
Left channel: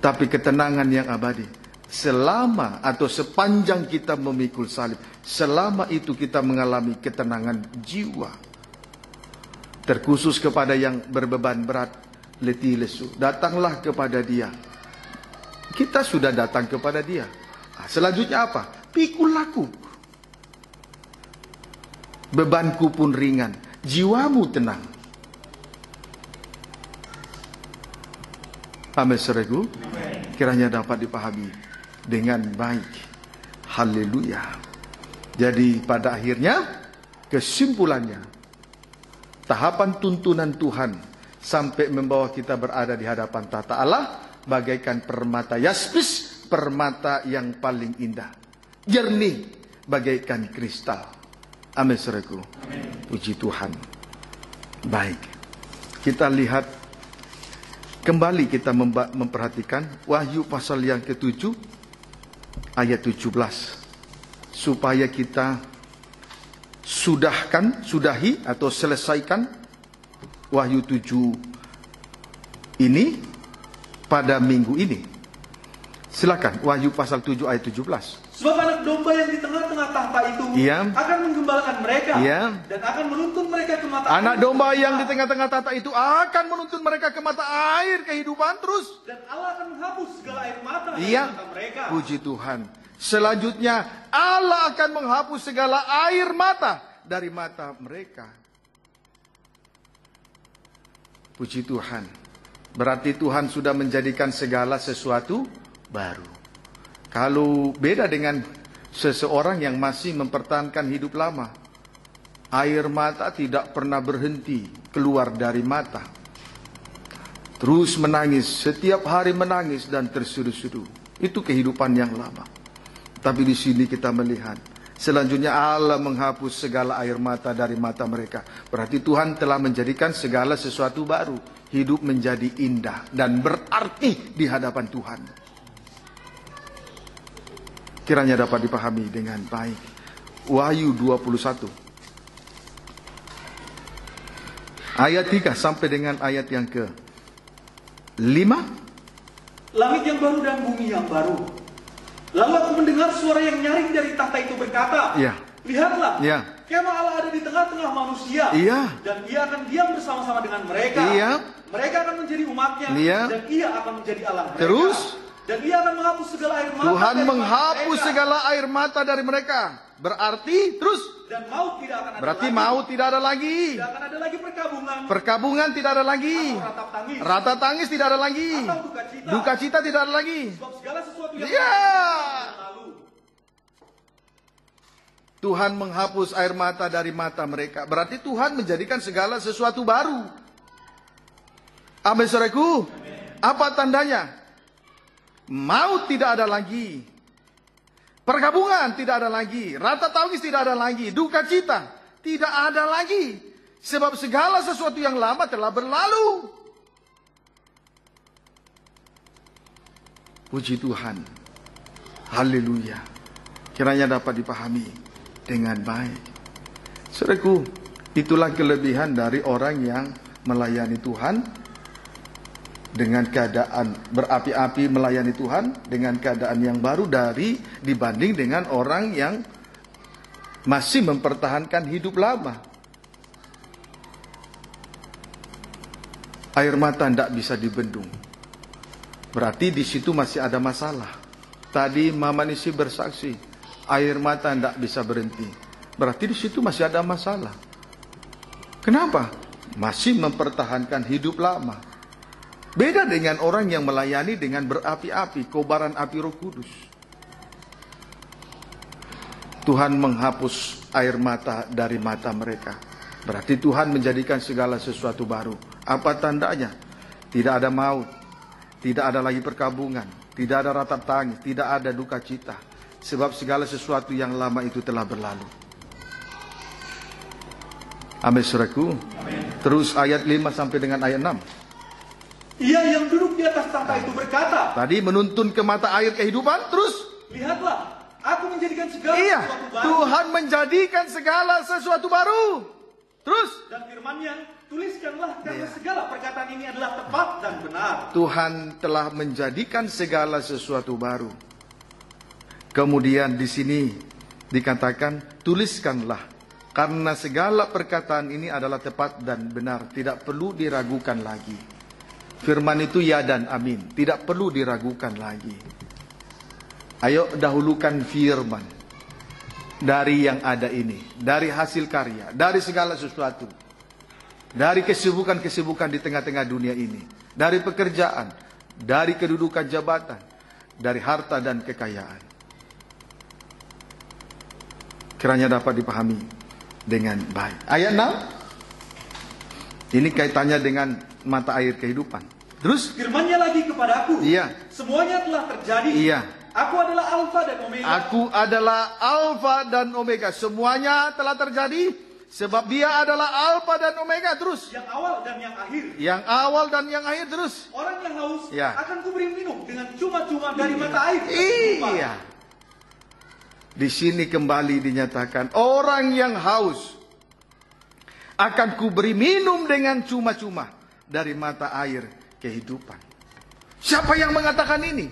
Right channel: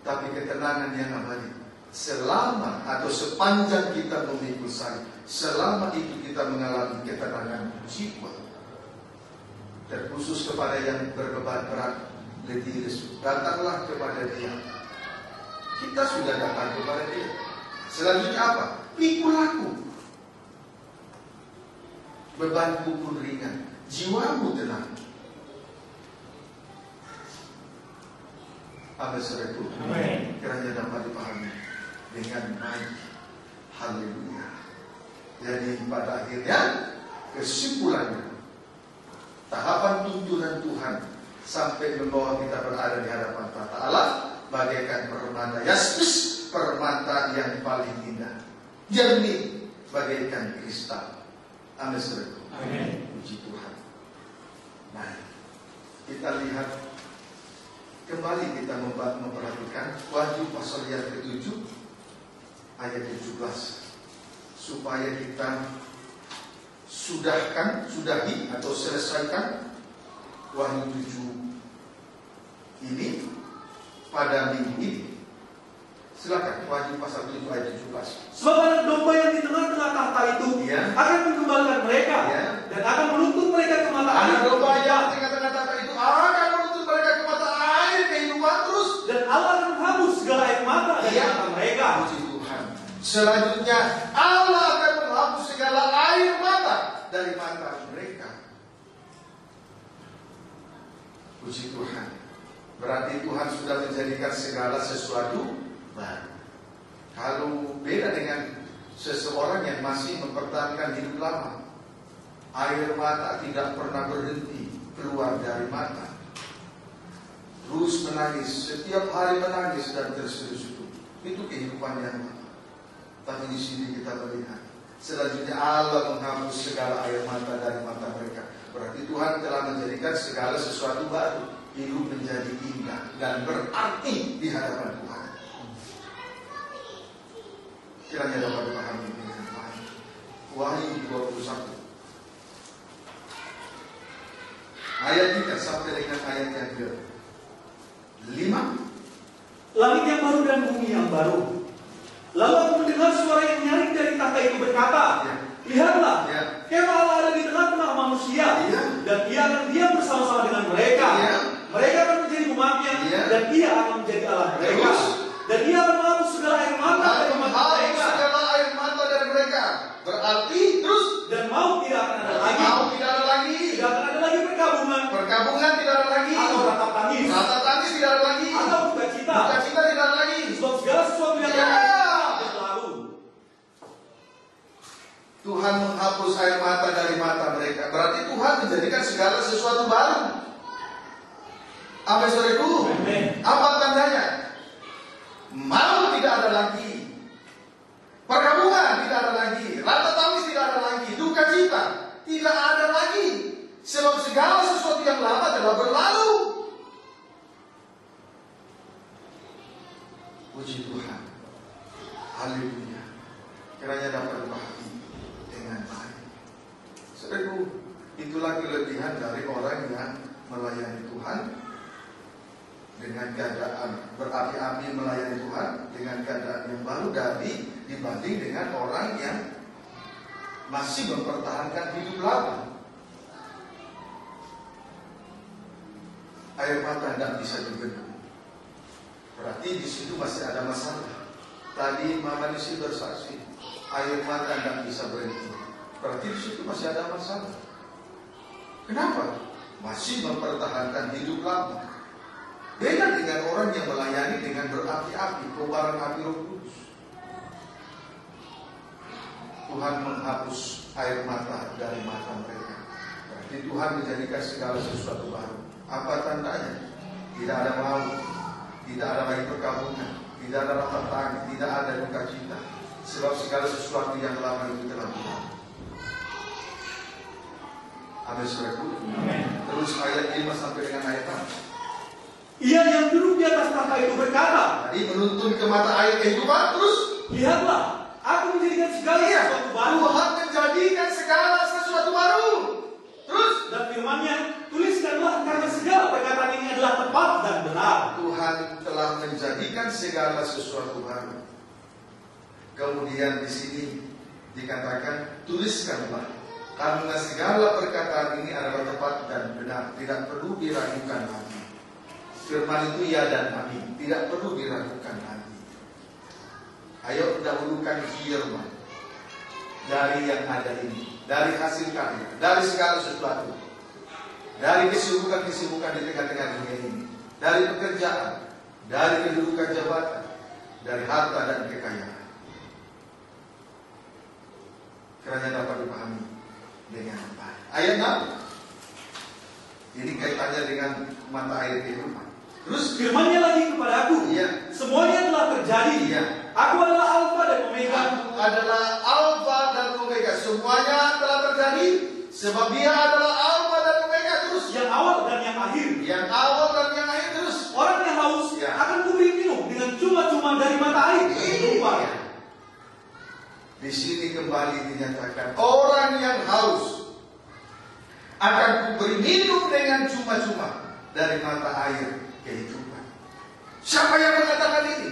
Tapi ketenangan yang abadi. Selama atau sepanjang kita memikul salib. Selama itu kita mengalami ketenangan jiwa. Terkhusus kepada yang berbeban berat, letih lesu. Datanglah kepada Dia. Kita sudah datang kepada Dia. Selanjutnya apa? Pikul aku. Bebanku pun ringan, jiwamu tenang. Amin, saudaraku. Kiranya dapat dipahami dengan baik. Haleluya. Jadi pada akhirnya kesimpulannya, tahapan tuntunan Tuhan sampai membawa kita berada di hadapan tahta Allah bagaikan permata yaspis permata yang paling indah, jernih bagaikan kristal. Amin, saudaraku. Puji Tuhan. Baik, kita lihat kembali, kita memperhatikan Wahyu pasal yang ke-7 ayat 17, supaya kita sudahi atau selesaikan Wahyu 7 ini pada minggu ini. Silakan, Wahyu pasal 7 ayat 17. Sebab anak domba yang di tengah-tengah tahta itu akan menggembalakan mereka dan akan menuntun mereka ke mata air. Anak domba yang di tengah-tengah tahta itu akan menuntun mereka ke mata air kehidupan terus. Dan Allah akan menghapus segala air mata dari mata mereka. Puji Tuhan. Selanjutnya Allah akan menghapus segala air mata dari mata mereka. Puji Tuhan. Berarti Tuhan sudah menjadikan segala sesuatu baru. Kalau beda dengan seseorang yang masih mempertahankan hidup lama, air mata tidak pernah berhenti keluar dari mata, terus menangis, setiap hari menangis dan terseduh-seduh. Itu kehidupan yang lama. Tapi di sini kita melihat selanjutnya Allah menghapus segala air mata dari mata mereka. Berarti Tuhan telah menjadikan segala sesuatu baru. Hidup menjadi indah dan berarti di hadapan Tuhan. Kiranya dapat dipahami dengan baik. Wahyu 21 ayat 3 sampai dengan ayat yang ke-5. Langit yang baru dan bumi yang baru. Lalu aku mendengar suara yang nyaring dari tahta itu berkata, lihatlah, kemah Allah ada di tengah-tengah manusia, dan Ia akan diam bersama-sama dengan mereka. Mereka akan menjadi umatnya, dan Ia akan menjadi Allah mereka. Terus, dan Ia akan menghapus segala air mata. Tuhan menghapus segala air mata dari mereka. Berarti terus, dan maut tidak akan ada lagi. Maut tidak ada lagi. Tidak akan ada lagi perkabungan. Perkabungan tidak ada lagi. Rata tangis tidak ada lagi. Duka cita tidak ada lagi. Sebab segala sesuatu yang berlalu. Tuhan menghapus air mata dari mata mereka. Berarti Tuhan menjadikan segala sesuatu baru. Amin, saudaraku. Apa tandanya? Maut tidak ada lagi. Perkabungan tidak ada lagi. Rata tangis tidak ada lagi. Duka cita tidak ada lagi. Sebab segala sesuatu yang lama telah berlalu. Puji Tuhan. Haleluya. Kiranya dapat dipahami dengan baik. Saudaraku, itulah kelebihan dari orang yang melayani Tuhan dengan keadaan berapi-api melayani Tuhan dengan keadaan yang baru dibanding dengan orang yang masih mempertahankan hidup lama. Air mata tidak bisa dibendung. Berarti di situ masih ada masalah. Tadi Mama Nisi bersaksi, air mata tidak bisa berhenti. Berarti di situ masih ada masalah. Kenapa? Masih mempertahankan hidup lama. Beda dengan orang yang melayani dengan berapi-api, kobaran api Roh Kudus. Tuhan menghapus air mata dari mata mereka. Berarti Tuhan menjadikan segala sesuatu baru. Apa tandanya? Tidak ada maut, tidak ada lagi perkabungan, tidak ada rata tangis, tidak ada duka cita. Sebab segala sesuatu yang lama itu telah berlalu. Amin, saudaraku. Terus ayat 5 sampai dengan ayat 6. Ia yang duduk di atas tahta itu berkata, tadi menuntun ke mata air kehidupan, terus lihatlah, aku menjadikan segala sesuatu baru. Tuhan menjadikan segala sesuatu baru. Terus dan firman-Nya, tuliskanlah karena segala perkataan ini adalah tepat dan benar. Tuhan telah menjadikan segala sesuatu baru. Kemudian di sini dikatakan tuliskanlah karena segala perkataan ini adalah tepat dan benar, tidak perlu diragukan lagi. Firman itu ya dan amin, tidak perlu diragukan lagi. Ayo dahulukan firman dari yang ada ini, dari hasil karya, dari segala sesuatu, dari kesibukan-kesibukan di tengah-tengah dunia ini, dari pekerjaan, dari kedudukan jabatan, dari harta dan kekayaan. Kiranya dapat dipahami dengan baik. Ayat 6. Ini kaitannya dengan mata air kehidupan. Terus firman-Nya lagi kepadaku. Iya. Semuanya telah terjadi. Iya. Aku adalah Alfa dan Omega. Aku adalah Alfa dan Omega. Semuanya telah terjadi sebab Dia adalah Alfa dan Omega. Terus yang awal dan yang akhir. Yang awal dan yang akhir. Terus orang yang haus akan kuberi minum dengan cuma-cuma dari mata air. Iya. Di sini kembali dinyatakan orang yang haus akan kuberi minum dengan cuma-cuma dari mata air kehidupan. Siapa yang mengatakan ini?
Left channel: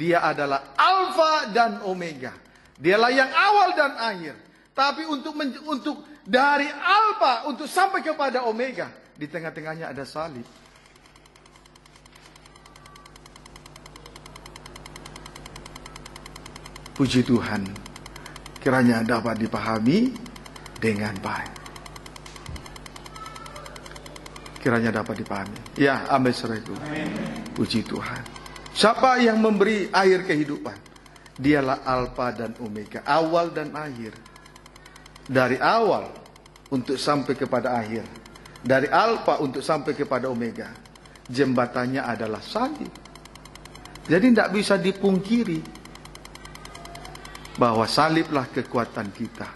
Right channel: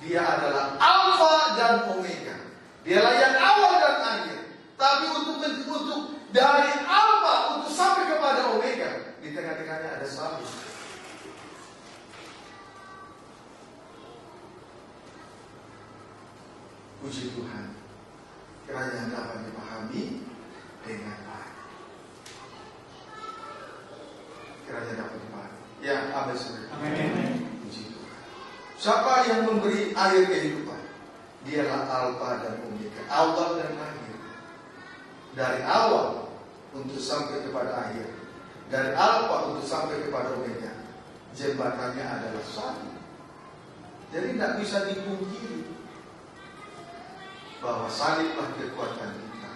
Dia adalah Alfa dan Omega. Dialah yang awal dan akhir. Tapi untuk dari Alfa untuk sampai kepada Omega, di tengah-tengahnya ada salib. Puji Tuhan, kiranya dapat dipahami dengan baik. Kiranya dapat dipahami. Ya, amin saudaraku. Puji Tuhan. Siapa yang memberi air kehidupan? Dialah Alfa dan Omega, awal dan akhir. Dari awal untuk sampai kepada akhir. Dari Alfa untuk sampai kepada Omega. Jembatannya adalah salib. Jadi tidak bisa dipungkiri bahwa saliblah kekuatan kita.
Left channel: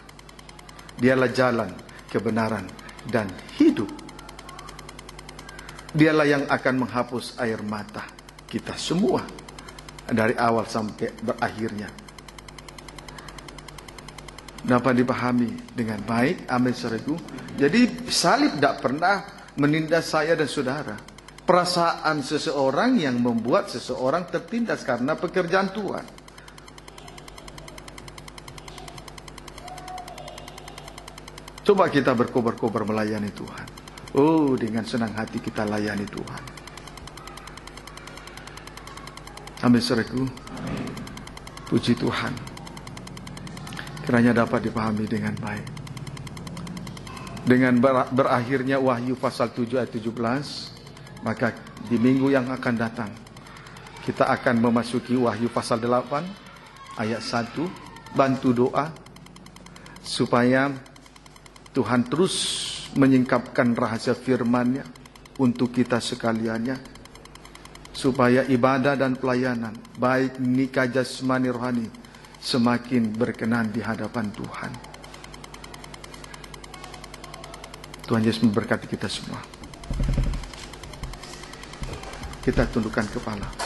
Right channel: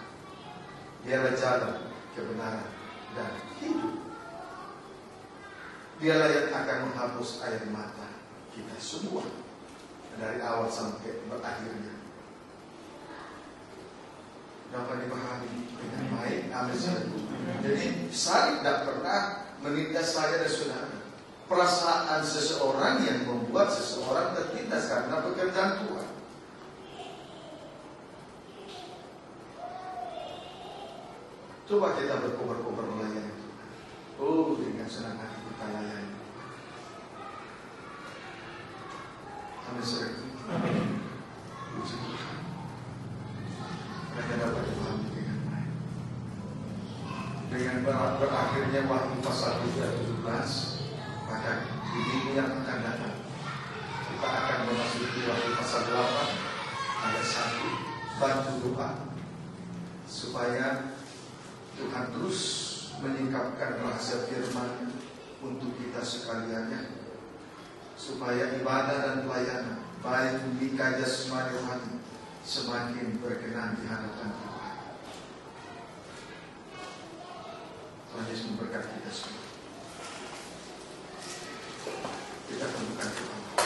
Dialah jalan, kebenaran, dan hidup. Dialah yang akan menghapus air mata kita semua dari awal sampai berakhirnya. Dapat dipahami dengan baik, amin saudaraku. Jadi salib tidak pernah menindas saya dan saudara. Perasaan seseorang yang membuat seseorang tertindas karena pekerjaan Tuhan. Coba kita berkobar-kobar melayani Tuhan. Oh, dengan senang hati kita layani Tuhan. Amin saudaraku. Puji Tuhan. Kiranya dapat dipahami dengan baik. Dengan berakhirnya Wahyu pasal 7 ayat 17, maka di minggu yang akan datang kita akan memasuki Wahyu pasal 8 ayat 1. Bantu doa supaya Tuhan terus menyingkapkan rahasia firman-Nya untuk kita sekaliannya, supaya ibadah dan pelayanan baik nikah jasmani rohani semakin berkenan di hadapan Tuhan. Tuhan Yesus memberkati kita semua. Kita tundukkan kepala.